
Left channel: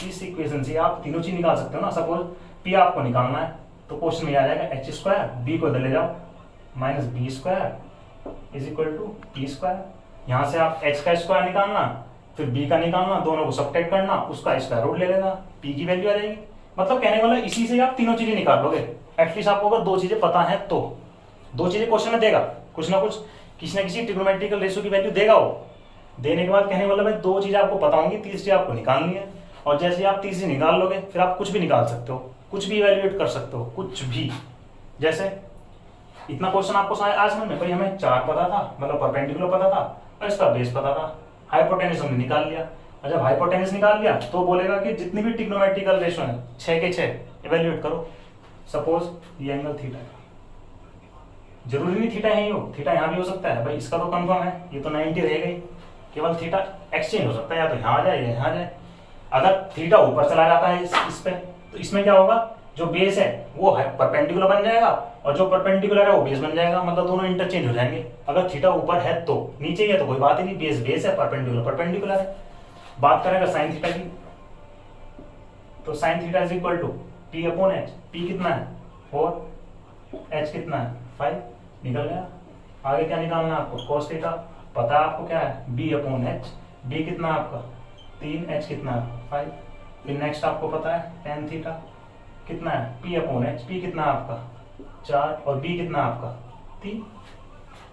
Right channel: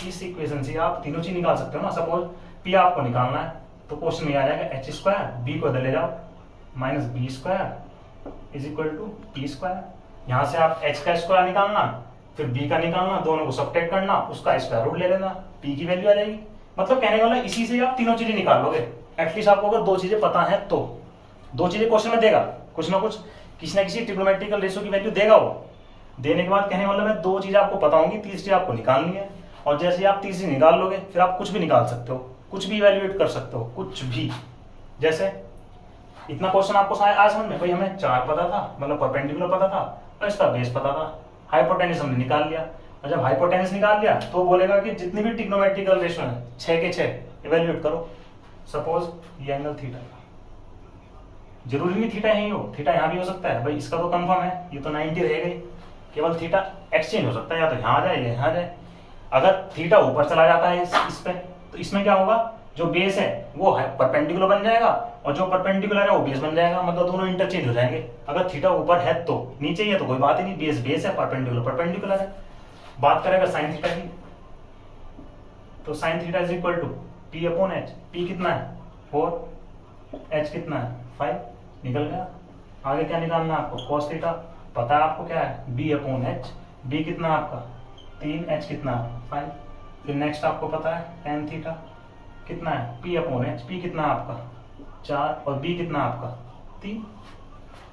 इस इक्वेशन से आप तीनों चीज निकाल सकते हो ना। सपोज पी आपको निकालना है तो क्वेश्चन में आ जाएगा एच स्क्वायर, बी को इधर ले जाओ minus B square is equal to T square. यहाँ से आप एच का स्क्वायर निकालना, फिर बी का निकालना, दोनों को सब्ट्रैक्ट करना, उसका स्क्वायर रूट ले लेना, पी की वैल्यू आ जाएगी। मतलब कहने वाला इसी से आप तीनों चीजें निकाल लोगे। एटलीस्ट आपको अगर 2 चीजें पता है तो 2 चीजें क्वेश्चन में देगा, कुछ ना कुछ किसी ना किसी ट्रिग्नोमेट्रिकल रेशो की वैल्यू देगा वो। देने के बाद कहने वाला मैं 2 चीजें आपको पता होंगी, तीसरी आपको निकालनी है। और जैसे आप तीसरी निकाल लोगे फिर आप कुछ भी निकाल सकते हो, कुछ भी इवैल्यूएट कर सकते हो, कुछ भी। जैसे इतना क्वेश्चन आपको आया समझ में, भाई हमें 4 पता था, मतलब परपेंडिकुलर पता था और इसका बेस पता था, हाइपोटेन्यूज हमने निकाल लिया। और जब हाइपोटेन्यूज निकाल लिया तो बोलेगा कि जितनी भी ट्रिग्नोमेट्रिकल रेशो है 6 के 6 इवैल्यूएट करो। सपोज ये एंगल थीटा, जरूरी नहीं थीटा यही हो, थीटा यहाँ भी हो सकता है। भाई इसका तो कंफर्म है, ये तो 90 रहेगा ही, केवल थीटा एक्सचेंज हो सकता है, या तो यहाँ आ जाए या यहाँ आ जाए। अगर थीटा ऊपर चला जाता है इस पे तो इसमें क्या होगा, जो बेस है वो परपेंडिकुलर बन जाएगा और जो परपेंडिकुलर है वो बेस बन जाएगा, मतलब दोनों इंटरचेंज हो जाएंगे। अगर थीटा ऊपर है तो नीचे ही है तो कोई बात ही नहीं, बेस बेस है, परपेंडिकुलर परपेंडिकुलर है। बात करें अगर साइन थीटा की, तो sine theta is equal to P upon H. P कितना है 4, एच कितना है 5, निकल गया। आगे क्या निकालना है आपको, कॉस थीटा पता है आपको क्या है, बी अपॉन एच। बी कितना है आपका 3, एच कितना है 5। फिर नेक्स्ट आपको पता है टेन थीटा कितना है, पी अपॉन एच। पी कितना है आपका 4 और बी कितना है आपका 3।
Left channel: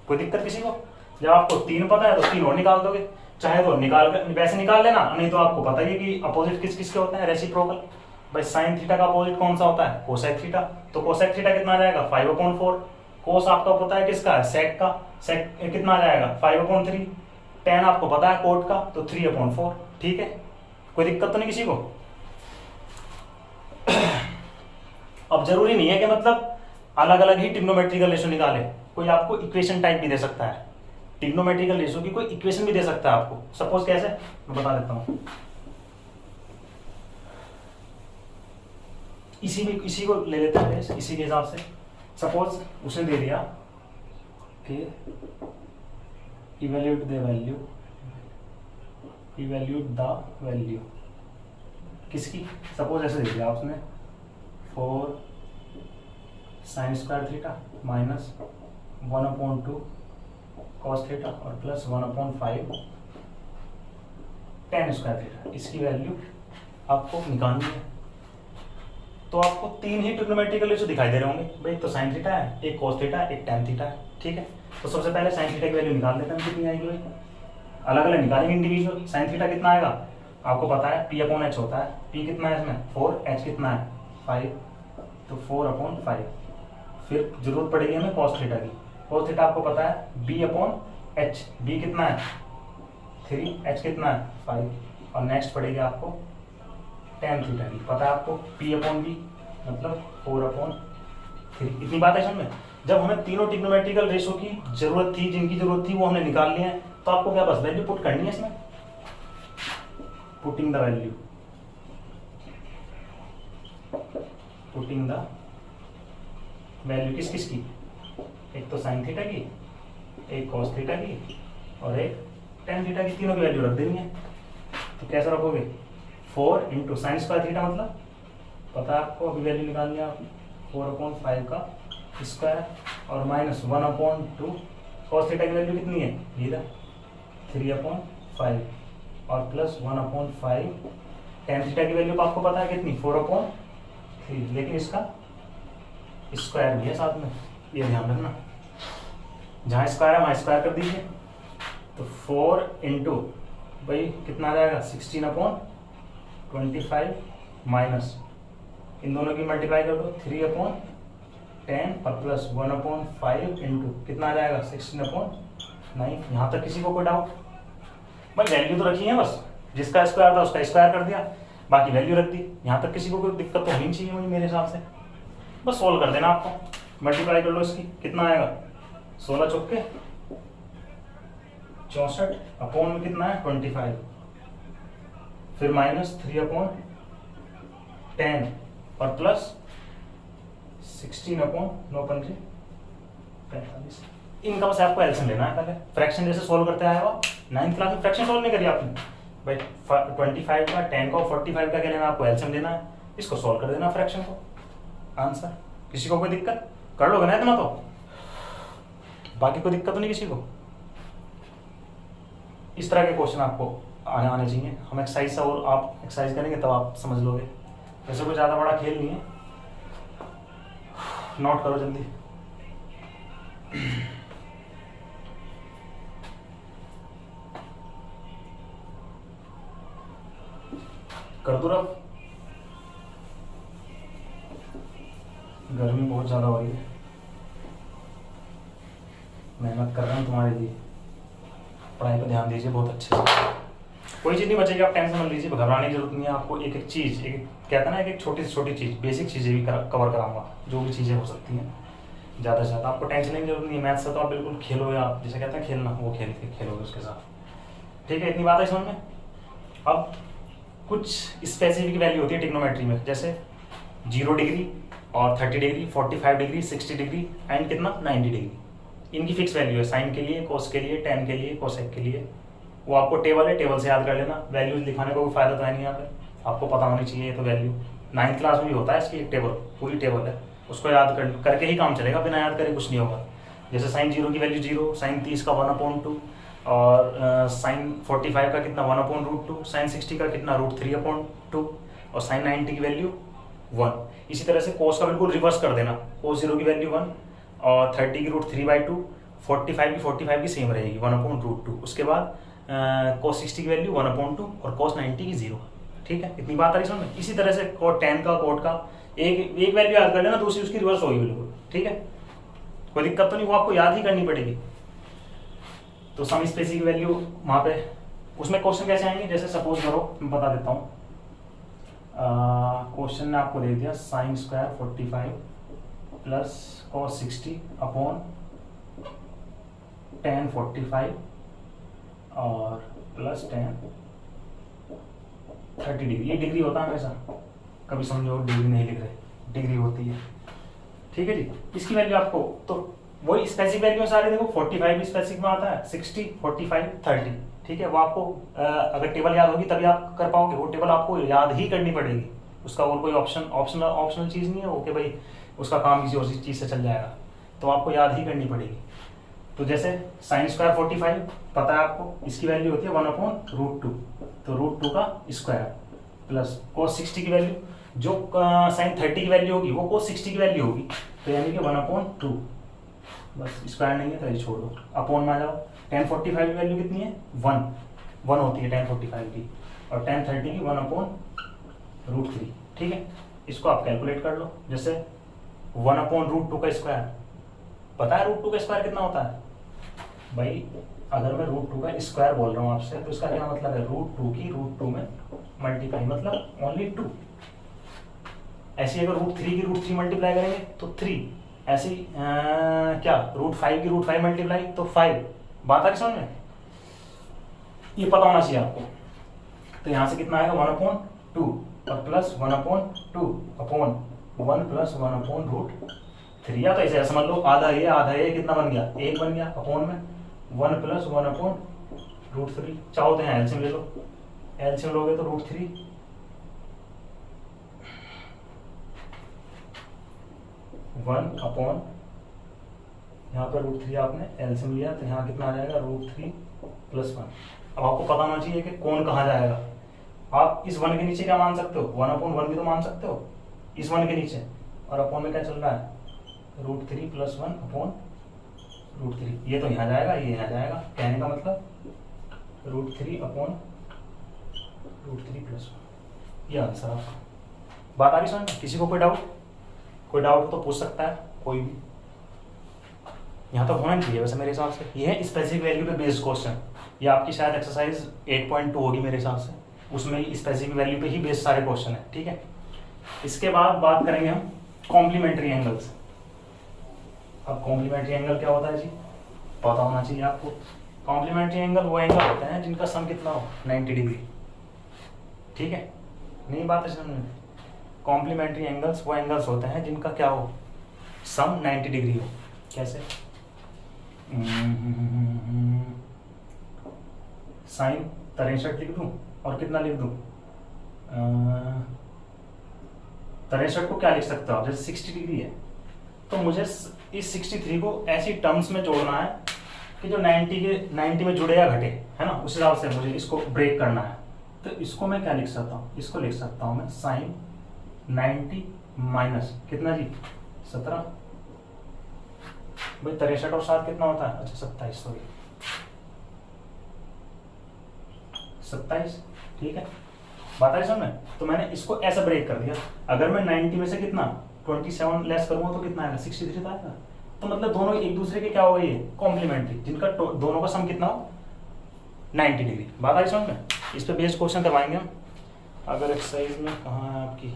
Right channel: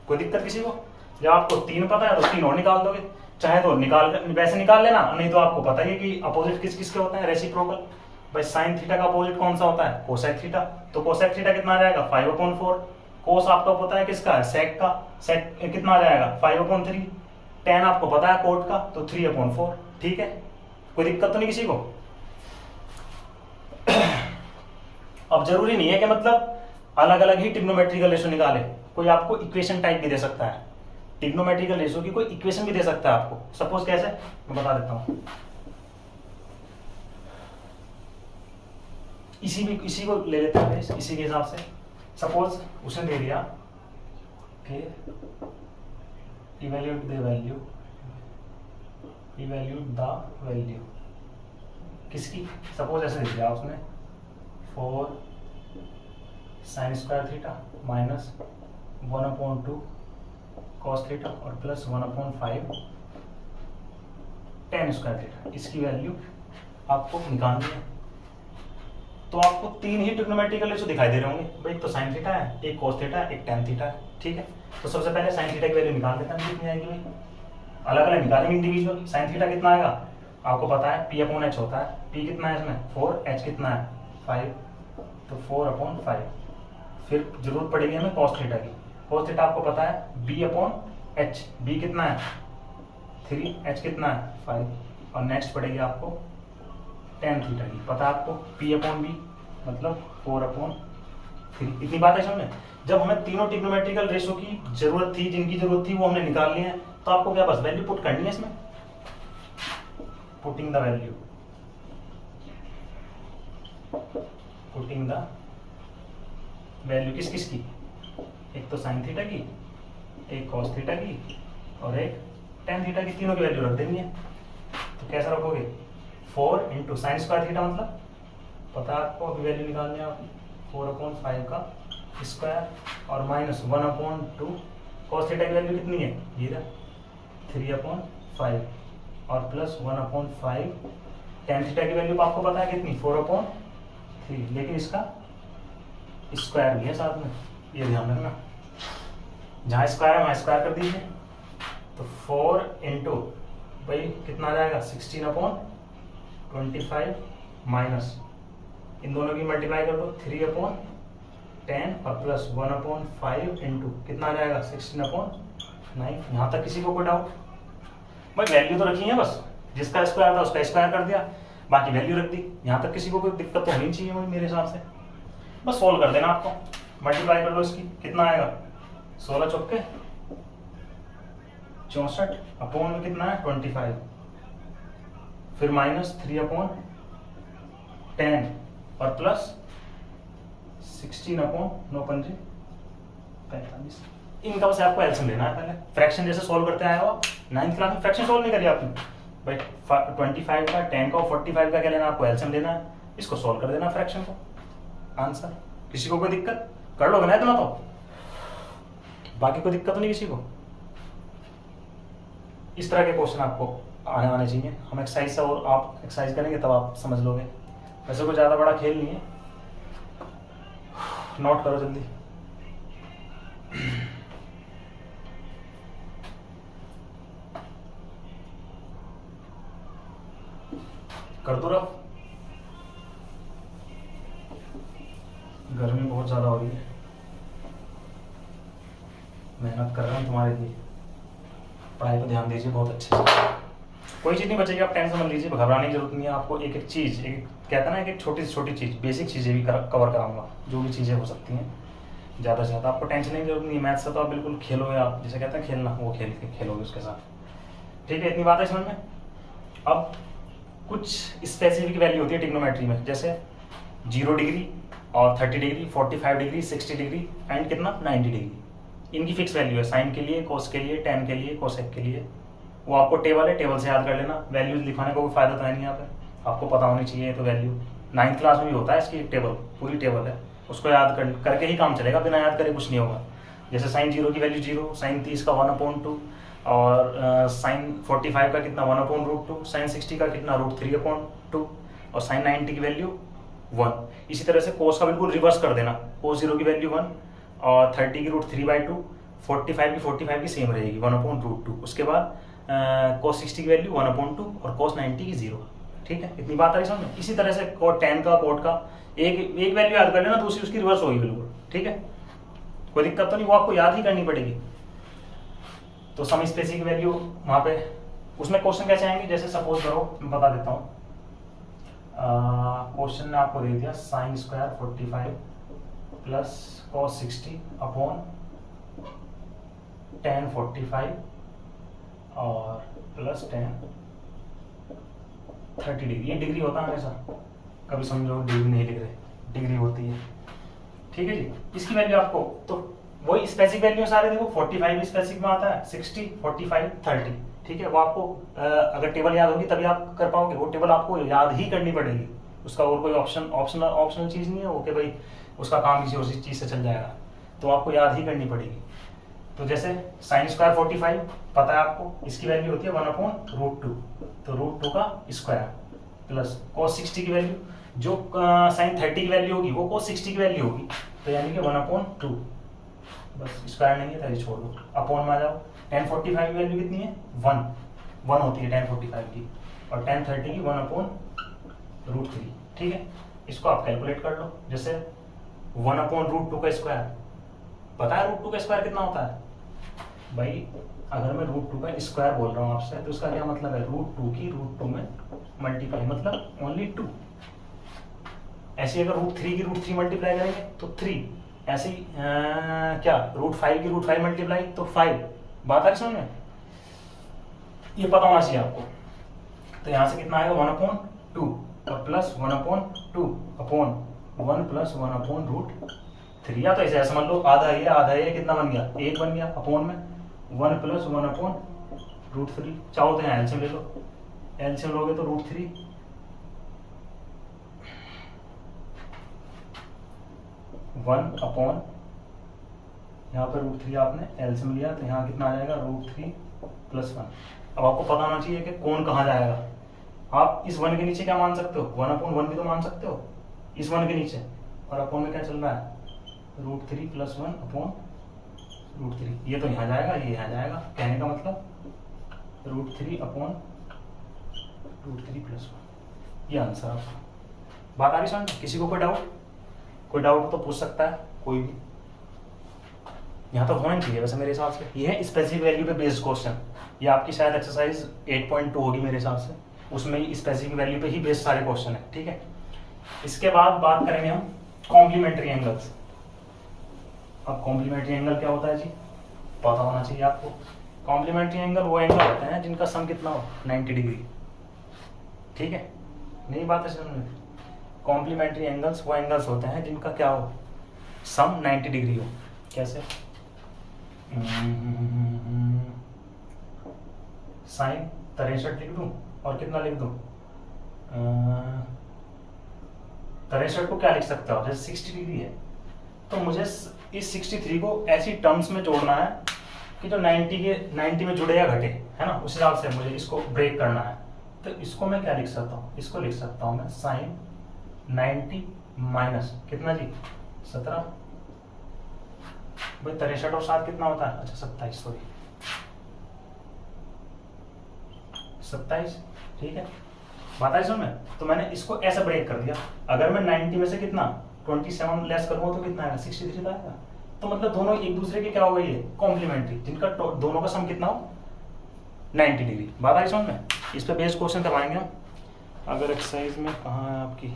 कोई दिक्कत किसी को? जब आपको 3 पता है तो 3 और निकाल दोगे, चाहे तो निकाल वैसे निकाल लेना, नहीं तो आपको पता ही कि अपोजिट किस किस के होते हैं, रेसिप्रोकल। भाई साइन थीटा का अपोजिट कौन सा होता है, कोसेक थीटा। तो कोसेक थीटा कितना आ जाएगा 5/4। कोस आपका पता है किसका है, सेक का। सेक कितना आ जाएगा 5/3। टेन आपको पता है कोट का, तो 3/4। ठीक है, कोई दिक्कत तो नहीं किसी को? अब जरूरी नहीं है कि मतलब अलग अलग ही ट्रिग्नोमेट्रिकल रेशो निकाले, कोई आपको इक्वेशन टाइप भी दे सकता है, ट्रिग्नोमेट्रिकल रेशो की कोई इक्वेशन भी दे सकता है आपको। सपोज कैसे, मैं बता देता हूं। इसी को ले लेते हैं इसी के हिसाब से। सपोज उसने दे दिया कि evaluate the value, evaluate the value किसकी, सपोज ऐसे दे दिया उसने 4 sine square theta minus 1/2 cos theta और प्लस 1/5 टेन स्क्वायर थीटा। इसकी वैल्यू आपको निकालनी है। तो आपको 3 ही ट्रिग्नोमेट्रिकल रेशो दिखाई दे रहे होंगे, भाई तो साइन थीटा है, एक कॉस थीटा है, एक टेन थीटा है। ठीक है, तो सबसे पहले साइन थीटा की वैल्यू निकाल देते हैं, कितनी आएगी भाई, अलग अलग निकालेंगे इंडिविजुअल। साइन थीटा कितना आएगा आपको पता है, पी अपॉन एच होता है। पी कितना है इसमें 4, एच कितना है 5, तो 4/5। फिर जरूरत पड़ेगी हमें कॉस थीटा की। कॉस थीटा आपको पता है बी अपॉन एच। बी कितना है 3, एच कितना है 5 और नेक्स्ट पड़ेगी आपको टेन थीटा की, पता है आपको पी अपॉन बी मतलब 4/3। इतनी बात है समझ। जब हमें तीनों ट्रिग्नोमेट्रिकल रेशो की जरूरत थी, जिनकी जरूरत थी वो हमने निकाल ली है, तो आपको क्या बस वैल्यू पुट करनी है इसमें, putting the value, putting the value किस किस की, एक तो साइन थीटा की, एक कॉस थीटा की और एक टेन थीटा की, तीनों की वैल्यू रख देनी है। तो कैसे रखोगे 4 इंटू साइन स्क्वायर थीटा मतलब पता है आपको, अभी वैल्यू निकालनी है आपने 4/5 का स्क्वायर और माइनस 1/2 कॉस थीटा की वैल्यू कितनी है ये 3/5 और प्लस 1/5 टेन थीटा की वैल्यू आपको पता है कितनी 4/3, लेकिन इसका स्क्वायर भी है साथ में, ये ध्यान रखना, जहाँ स्क्वायर है वहाँ स्क्वायर कर दीजिए। तो 4 इंटू भाई कितना आ जाएगा 16/25 माइनस इन दोनों की मल्टीप्लाई कर दो 3/10 और प्लस 1/5 इंटू कितना आ जाएगा 16/9। यहाँ तक किसी को कोई डाउट? भाई वैल्यू तो रखी है, बस जिसका स्क्वायर था उसका स्क्वायर कर दिया, बाकी वैल्यू रख दी। यहाँ तक किसी को कोई दिक्कत तो होनी चाहिए मुझे मेरे हिसाब से। बस सॉल्व कर देना आपको, मल्टीप्लाई कर लो इसकी, कितना आएगा 16 चौके 64 अपॉन में कितना है 25, फिर माइनस 3/10 और प्लस 16/9×45। इनका बस आपको एलसीएम लेना है। पहले फ्रैक्शन जैसे सॉल्व करते आए हो, 9th क्लास में फ्रैक्शन सॉल्व नहीं करी आपने भाई, 25 का 10 का और 45 का क्या लेना, आपको एलसीएम लेना है, इसको सॉल्व कर देना फ्रैक्शन को, आंसर। किसी को कोई दिक्कत? कर लोगे ना इतना, तो बाकी कोई दिक्कत तो नहीं किसी को? इस तरह के क्वेश्चन आपको आने चाहिए। हम एक्सरसाइज से और आप एक्सरसाइज करेंगे तब आप समझ लोगे। वैसे कोई ज़्यादा बड़ा खेल नहीं है, नोट करो जल्दी। कर दो रफ, गर्मी बहुत ज़्यादा हो रही है, मेहनत कर रहे हैं तुम्हारे लिए, पढ़ाई पर ध्यान दीजिए बहुत अच्छे से। कोई चीज़ नहीं बचेगी, आप टेंशन मत लीजिए, घबराने की जरूरत नहीं है आपको। एक एक चीज़, एक कहता है ना, एक छोटी से छोटी चीज़, बेसिक चीज़ें भी कवर कराऊंगा, जो भी चीज़ें हो सकती हैं। ज़्यादा से ज़्यादा आपको टेंशन की जरूरत नहीं है। मैथ से तो आप बिल्कुल खेलोगे, आप जैसे कहते हैं खेलना, वो खेलोगे उसके साथ। ठीक है, इतनी बात है समझ में। अब कुछ स्पेसिफिक वैल्यू होती है ट्रिग्नोमेट्री में, जैसे 0 डिग्री और 30 डिग्री, 45 डिग्री, 60 डिग्री एंड कितना 90 डिग्री। इनकी फिक्स वैल्यू है, साइन के लिए, कोस के लिए, टेन के लिए, कोसेक के लिए। वो आपको टेबल है, टेबल से याद कर लेना। वैल्यूज लिखाने का कोई फायदा तो है नहीं यहाँ पे, आपको पता होनी चाहिए तो वैल्यू। 9th क्लास में भी होता है इसकी एक टेबल, पूरी टेबल है, उसको याद करके ही काम चलेगा, बिना याद करे कुछ नहीं होगा। जैसे साइन 0 की वैल्यू 0, साइन 30 का 1/2 और साइन 45 का कितना 1/√2, साइन 60 का कितना √3/2 और साइन 90 की वैल्यू 1। इसी तरह से कोस का बिल्कुल रिवर्स कर देना, कोस 0 की वैल्यू 1 और 30 की √3/2, 45 की सेम रहेगी 1/√2। उसके बाद कोस 60 की वैल्यू 1/2 और कोस 90 की 0। ठीक है, इतनी बात आ रही समझ में। इसी तरह से कोट 10 का, कोट का एक वैल्यू याद कर लेना, दूसरी उसकी रिवर्स होगी बिल्कुल। ठीक है, कोई दिक्कत तो नहीं, वो आपको याद ही करनी पड़ेगी। तो सम स्पेसिफिक वैल्यू वहाँ पे, उसमें क्वेश्चन कैसे आएंगे, जैसे सपोज करो मैं बता देता हूँ। क्वेश्चन ने आपको दे दिया sine square 45 plus cos 60 upon tan 45 और प्लस tan 30 डिग्री। ये डिग्री होता है हमेशा, कभी समझो डिग्री नहीं लिख रहे, डिग्री होती है। ठीक है जी, इसकी वैल्यू आपको, तो वही स्पेसिफिक वैल्यू सारे देखो, 45 भी स्पेसिफिक में आता है, 60, 45, 30। ठीक है, वो आपको अगर टेबल याद होगी तभी आप कर पाओगे, वो टेबल आपको याद ही करनी पड़ेगी। उसका और कोई ऑप्शनल चीज़ नहीं है वो कि भाई उसका काम किसी और चीज़ से चल जाएगा, तो आपको याद ही करनी पड़ेगी। तो जैसे साइन स्क्वायर 45 पता है आपको, इसकी वैल्यू होती है 1/√2, तो √2 का स्क्वायर प्लस कोस 60 की वैल्यू, जो साइन 30 की वैल्यू होगी वो कोस 60 की वैल्यू होगी, तो यानी कि 1/2। बस स्क्वायर नहीं है तो ये छोड़ दो, अपॉन में आ जाओ। tan 45 की वैल्यू कितनी है 1 होती है tan 45 की, और tan 30 की 1/√3। ठीक है, इसको आप कैलकुलेट कर लो। जैसे 1/√2 का स्क्वायर पता है, √2 का स्क्वायर कितना होता है भाई, अगर मैं √2 का स्क्वायर बोल रहा हूँ आपसे, तो इसका क्या मतलब है, √2 की √2 में मल्टीप्लाई, मतलब ओनली 2। ऐसे अगर √3 की √3 मल्टीप्लाई करेंगे तो 3, ऐसे ही क्या √5 की √5 मल्टीप्लाई तो 5। बात आ रही समझ में, ये पता होना चाहिए आपको। तो यहाँ से कितना आएगा 1/2 और प्लस 1/2 अपॉन 1 प्लस 1/√3, या तो ऐसे समझ लो, आधा ये कितना बन गया 1 बन गया, अपॉन में 1 प्लस 1/√3। चाहो तो यहाँ एलसीएम ले लो, एलसीएम लोगे तो √3 1 अपॉन, यहाँ पे √3 आपने एलसीएम लिया तो यहाँ कितना आ जाएगा √3 + 1। अब आपको पता होना चाहिए कि कौन कहाँ जाएगा। आप इस 1 के नीचे क्या मान सकते हो, 1/1 भी तो मान सकते हो इस 1 के नीचे, और अपॉन में क्या चल रहा है √3 + 1 अपॉन √3। ये तो यहाँ जाएगा, ये यहाँ जाएगा, कहने का मतलब √3 अपॉन √3 + 1। ये आंसर आपका। बात आ रही समझ? किसी को कोई डाउट तो पूछ सकता है कोई भी, यहाँ तो होना नहीं चाहिए वैसे मेरे हिसाब से। ये है स्पेसिफिक वैल्यू पे बेस्ड क्वेश्चन। ये आपकी शायद एक्सरसाइज 8.2 होगी मेरे हिसाब से, उसमें स्पेसिफिक वैल्यू पे ही बेस्ड सारे क्वेश्चन है, ठीक है। इसके बाद बात करेंगे हम कॉम्प्लीमेंट्री एंगल्स। अब कॉम्प्लीमेंट्री एंगल क्या होता है जी, पता होना चाहिए आपको। कॉम्प्लीमेंट्री एंगल वो एंगल होते हैं जिनका सम कितना हो 90 डिग्री, ठीक है। नहीं बात है समझ में? कॉम्प्लीमेंट्री एंगल्स वो एंगल्स होते हैं जिनका क्या हो, सम 90 डिग्री हो। कैसे? साइन 63 लिख दूं और कितना लिख दूं, 63 को क्या लिख सकता हूँ, जैसे 60 डिग्री है तो मुझे इस 63 को ऐसी टर्म्स में जोड़ना है कि जो 90 में जुड़े या घटे, है ना, उस हिसाब से मुझे इसको ब्रेक करना है। तो इसको मैं क्या लिख सकता हूँ, इसको लिख सकता हूँ मैं साइन 90 माइनस कितना जी 17, भाई 63 और 7 कितना होता है, अच्छा 27, सॉरी 27, ठीक है। बात आई समझ में? तो मैंने इसको ऐसा ब्रेक कर दिया। अगर मैं 90 में से कितना 27 लेस करूंगा तो कितना आएगा 63 आएगा। तो मतलब दोनों एक दूसरे के क्या हो गई है, कॉम्प्लीमेंट्री, जिनका दोनों का सम कितना हो 90 डिग्री। बात आई समझ में? इस पे बेस्ड क्वेश्चन करवाएंगे हम। अगर एक्सरसाइज में कहाँ है आपकी,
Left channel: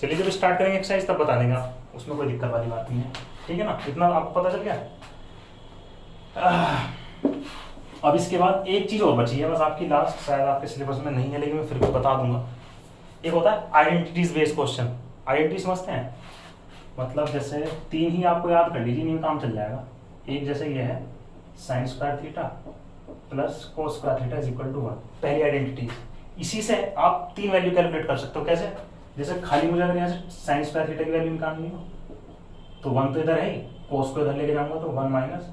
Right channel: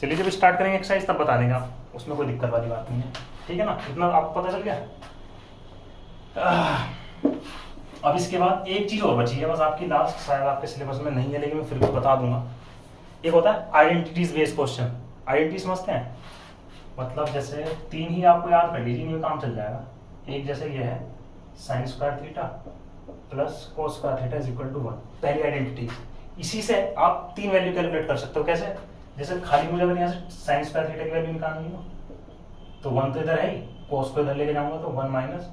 चलिए जब स्टार्ट करेंगे एक्सरसाइज तब बता देंगे आप, उसमें कोई दिक्कत वाली बात नहीं है, ठीक है ना, इतना आपको पता चल गया। अब इसके बाद एक चीज और बची है बस आपकी लास्ट, शायद आपके सिलेबस में नहीं है लेकिन मैं फिर भी बता दूंगा। एक होता है आइडेंटिटीज बेस्ड क्वेश्चन। आइडेंटिटी समझते हैं, मतलब जैसे 3 ही आपको याद कर लीजिए, इनमें काम चल जाएगा। एक जैसे ये है sin² थीटा + cos² थीटा = 1, पहली आइडेंटिटी। इसी से आप 3 वैल्यू कैलकुलेट कर सकते हो। कैसे? जैसे खाली मुझे अगर यहाँ से sin² थीटा की वैल्यू निकालनी हो तो 1 तो इधर है ही, cos को इधर लेके जाऊंगा तो 1 माइनस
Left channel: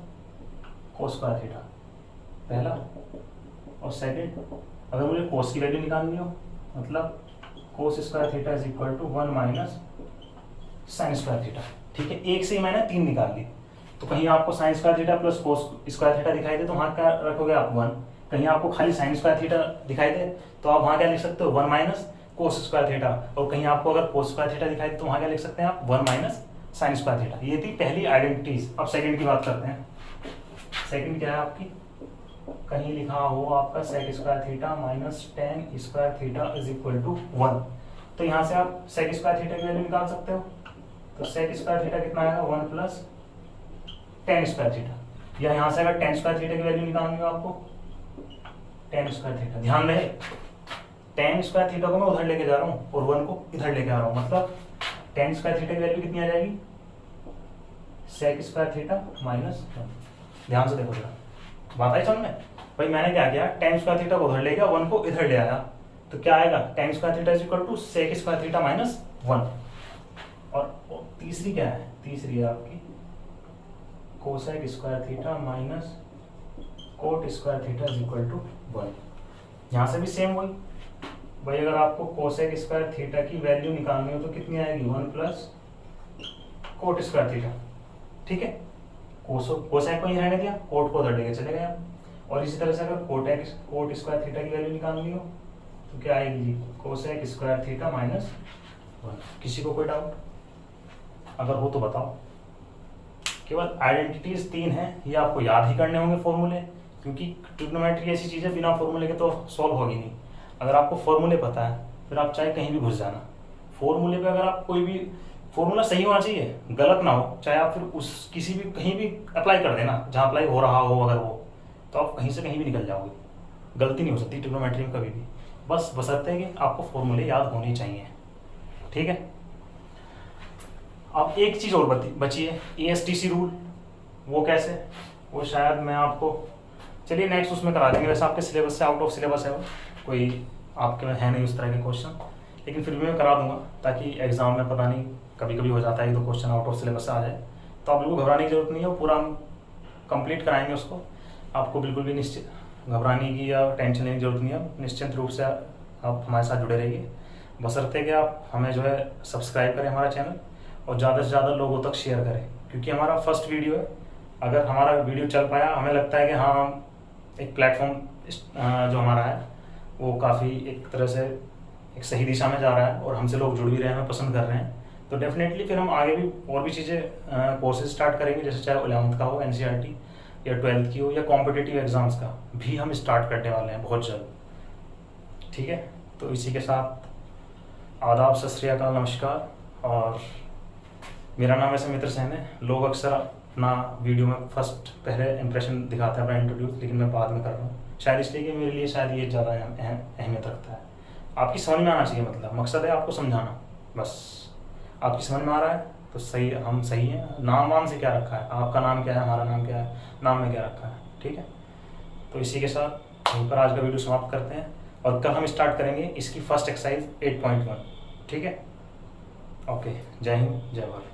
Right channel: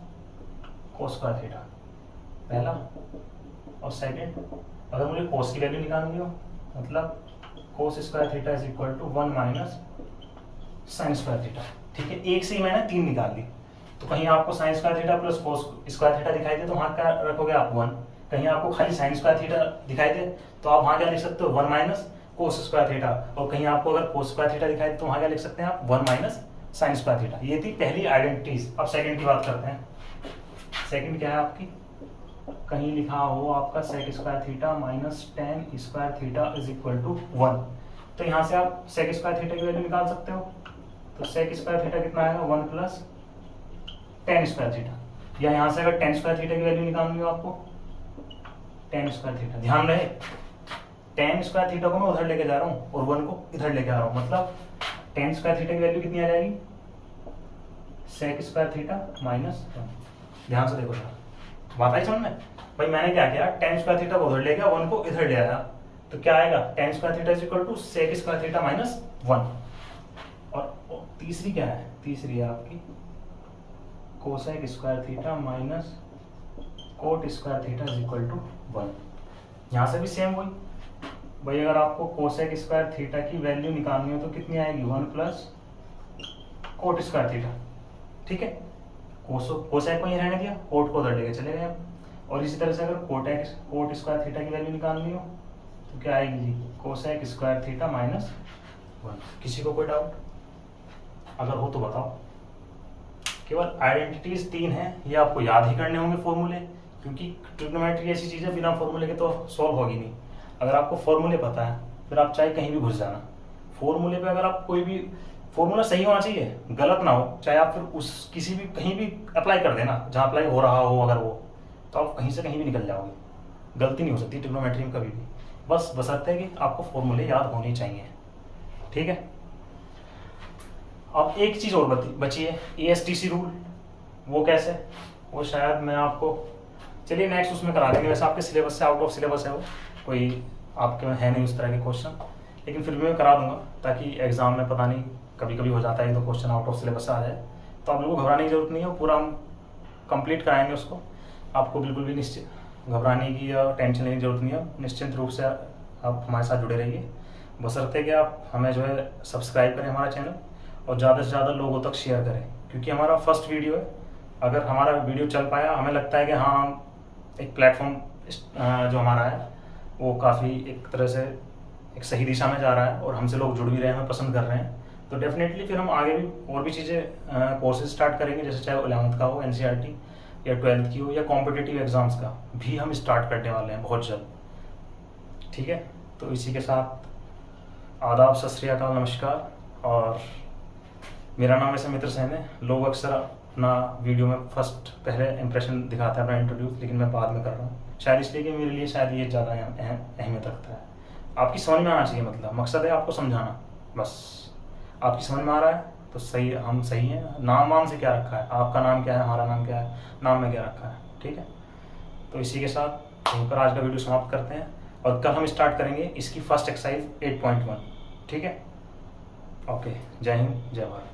cos² थीटा, पहला। और सेकेंड, अगर मुझे cos की वैल्यू निकालनी हो मतलब cos² theta = 1 minus sin² theta, ठीक है। एक से ही मैंने 3 निकाल ली। तो कहीं आपको sin² थीटा + cos² थीटा दिखाई दे तो वहाँ क्या रखोगे आप 1। कहीं आपको खाली sin² थीटा दिखाई दे तो आप वहाँ क्या लिख सकते हो 1 माइनस cos² थीटा। और कहीं आपको अगर cos² थीटा दिखाई दे तो वहाँ क्या लिख सकते हैं आप 1 माइनस sin² थीटा। ये थी पहली आइडेंटिटीज। अब सेकंड की बात करते हैं। सेकंड क्या है आपकी, कहीं लिखा हो आपका sec² theta minus tan² theta = 1। तो यहाँ से आप sec² थीटा की वैल्यू निकाल सकते हो। तो sec² थीटा कितना आएगा 1 + tan² थीटा। या यहाँ से अगर tan² थीटा की वैल्यू निकालनी हो आपको, tan² थीटा, ध्यान रहे tan² थीटा को मैं उधर लेके जा रहा हूँ और 1 को इधर लेके आ रहा हूँ, मतलब tan² थीटा की वैल्यू कितनी आ जाएगी sec² थीटा माइनस 1। ध्यान से देखो जरा, बात आई समझ में? भाई मैंने क्या किया, tan² थीटा को उधर ले गया, 1 को इधर ले आया, तो क्या आएगा tan² theta = sec² theta minus 1। और तीसरी क्या है, तीसरी है आपकी cosec² theta minus cot² theta = 1। यहाँ से भी सेम वही, भाई अगर आपको cosec² थीटा की वैल्यू निकालनी हो तो कितनी आएगी 1 + cot² थीटा, ठीक है। कोसेक को ही रहने दिया, कोट को उधर लेके चले गए। और इसी तरह से अगर cot² थीटा की वैल्यू निकालनी हो तो क्या आएगी जी cosec² थीटा माइनस 1। किसी को कोई डाउट अगर हो तो बताओ। केवल आइडेंटिटीज 3 हैं, ये आपको याद ही करने होंगे फॉर्मूले, क्योंकि ट्रिग्नोमेट्री ऐसी चीज़ है बिना फॉर्मूले के तो सॉल्व होगी नहीं। अगर आपको फॉर्मूले पता है फिर आप चाहे कहीं भी घुस जाना, फॉर्मूले पे अगर आप कोई भी फॉर्मूला सही होना चाहिए, गलत ना हो, चाहे आप फिर उस किसी भी कहीं भी अप्लाई कर देना जहाँ अप्लाई हो रहा हो, अगर वो तो आप कहीं से कहीं भी निकल जाओगे। गलती नहीं हो सकती ट्रिग्नोमेट्री में कभी भी, बस बशर्ते कि आपको फॉर्मूले याद होने चाहिए, ठीक है। अब एक चीज और बची है, ASTC रूल। वो कैसे, वो शायद मैं आपको, चलिए नेक्स्ट उसमें करा देंगे। वैसे आपके सिलेबस से आउट ऑफ सिलेबस है वो, कोई आपके में है नहीं उस तरह के क्वेश्चन, लेकिन फिर भी मैं करा दूंगा ताकि एग्जाम में पता नहीं कभी कभी हो जाता है तो क्वेश्चन आउट ऑफ सिलेबस से आ जाए। तो आप लोगों को घबराने की जरूरत नहीं है, वो पूरा हम कंप्लीट कराएंगे उसको। आपको बिल्कुल भी निश्चित घबराने की या टेंशन लेने की जरूरत नहीं है, निश्चिंत रूप से आप हमारे साथ जुड़े रहिए। बशर्ते कि आप हमें जो है सब्सक्राइब करें हमारा चैनल, और ज़्यादा से ज़्यादा लोगों तक शेयर करें, क्योंकि हमारा फर्स्ट वीडियो है। अगर हमारा वीडियो चल पाया, हमें लगता है कि हाँ हम एक प्लेटफॉर्म जो हमारा है वो काफ़ी एक तरह से एक सही दिशा में जा रहा है और हमसे लोग जुड़ भी रहे हैं, हमें पसंद कर रहे हैं, तो डेफिनेटली फिर हम आगे भी और भी चीज़ें कोर्सेज स्टार्ट करेंगे, जैसे चाहे 11th का हो NCERT या 12th की हो या कॉम्पिटिटिव एग्जाम्स का भी हम स्टार्ट करने वाले हैं बहुत जल्द। ठीक है, तो इसी के साथ आदाब, सत श्री अकाल, नमस्कार। और मेरा नाम वैसे मित्र सेन है। लोग अक्सर अपना वीडियो में फर्स्ट पहले इंप्रेशन दिखाते हैं अपना इंट्रोड्यूस, लेकिन मैं बाद में कर रहा हूँ, शायद इसलिए कि मेरे लिए शायद ये ज़्यादा अहमियत रखता है। आपकी समझ में आना चाहिए, मतलब मकसद है आपको समझाना, बस आपकी समझ में आ रहा है तो सही, हम सही हैं। नाम वाम से क्या रखा है, आपका नाम क्या है, हमारा नाम क्या है, नाम में क्या रखा है, ठीक है। तो इसी के साथ यहीं पर आज का वीडियो समाप्त करते हैं, और कल हम स्टार्ट करेंगे इसकी फर्स्ट एक्सरसाइज 8.1। ठीक है, ओके, जय हिंद, जय भारत।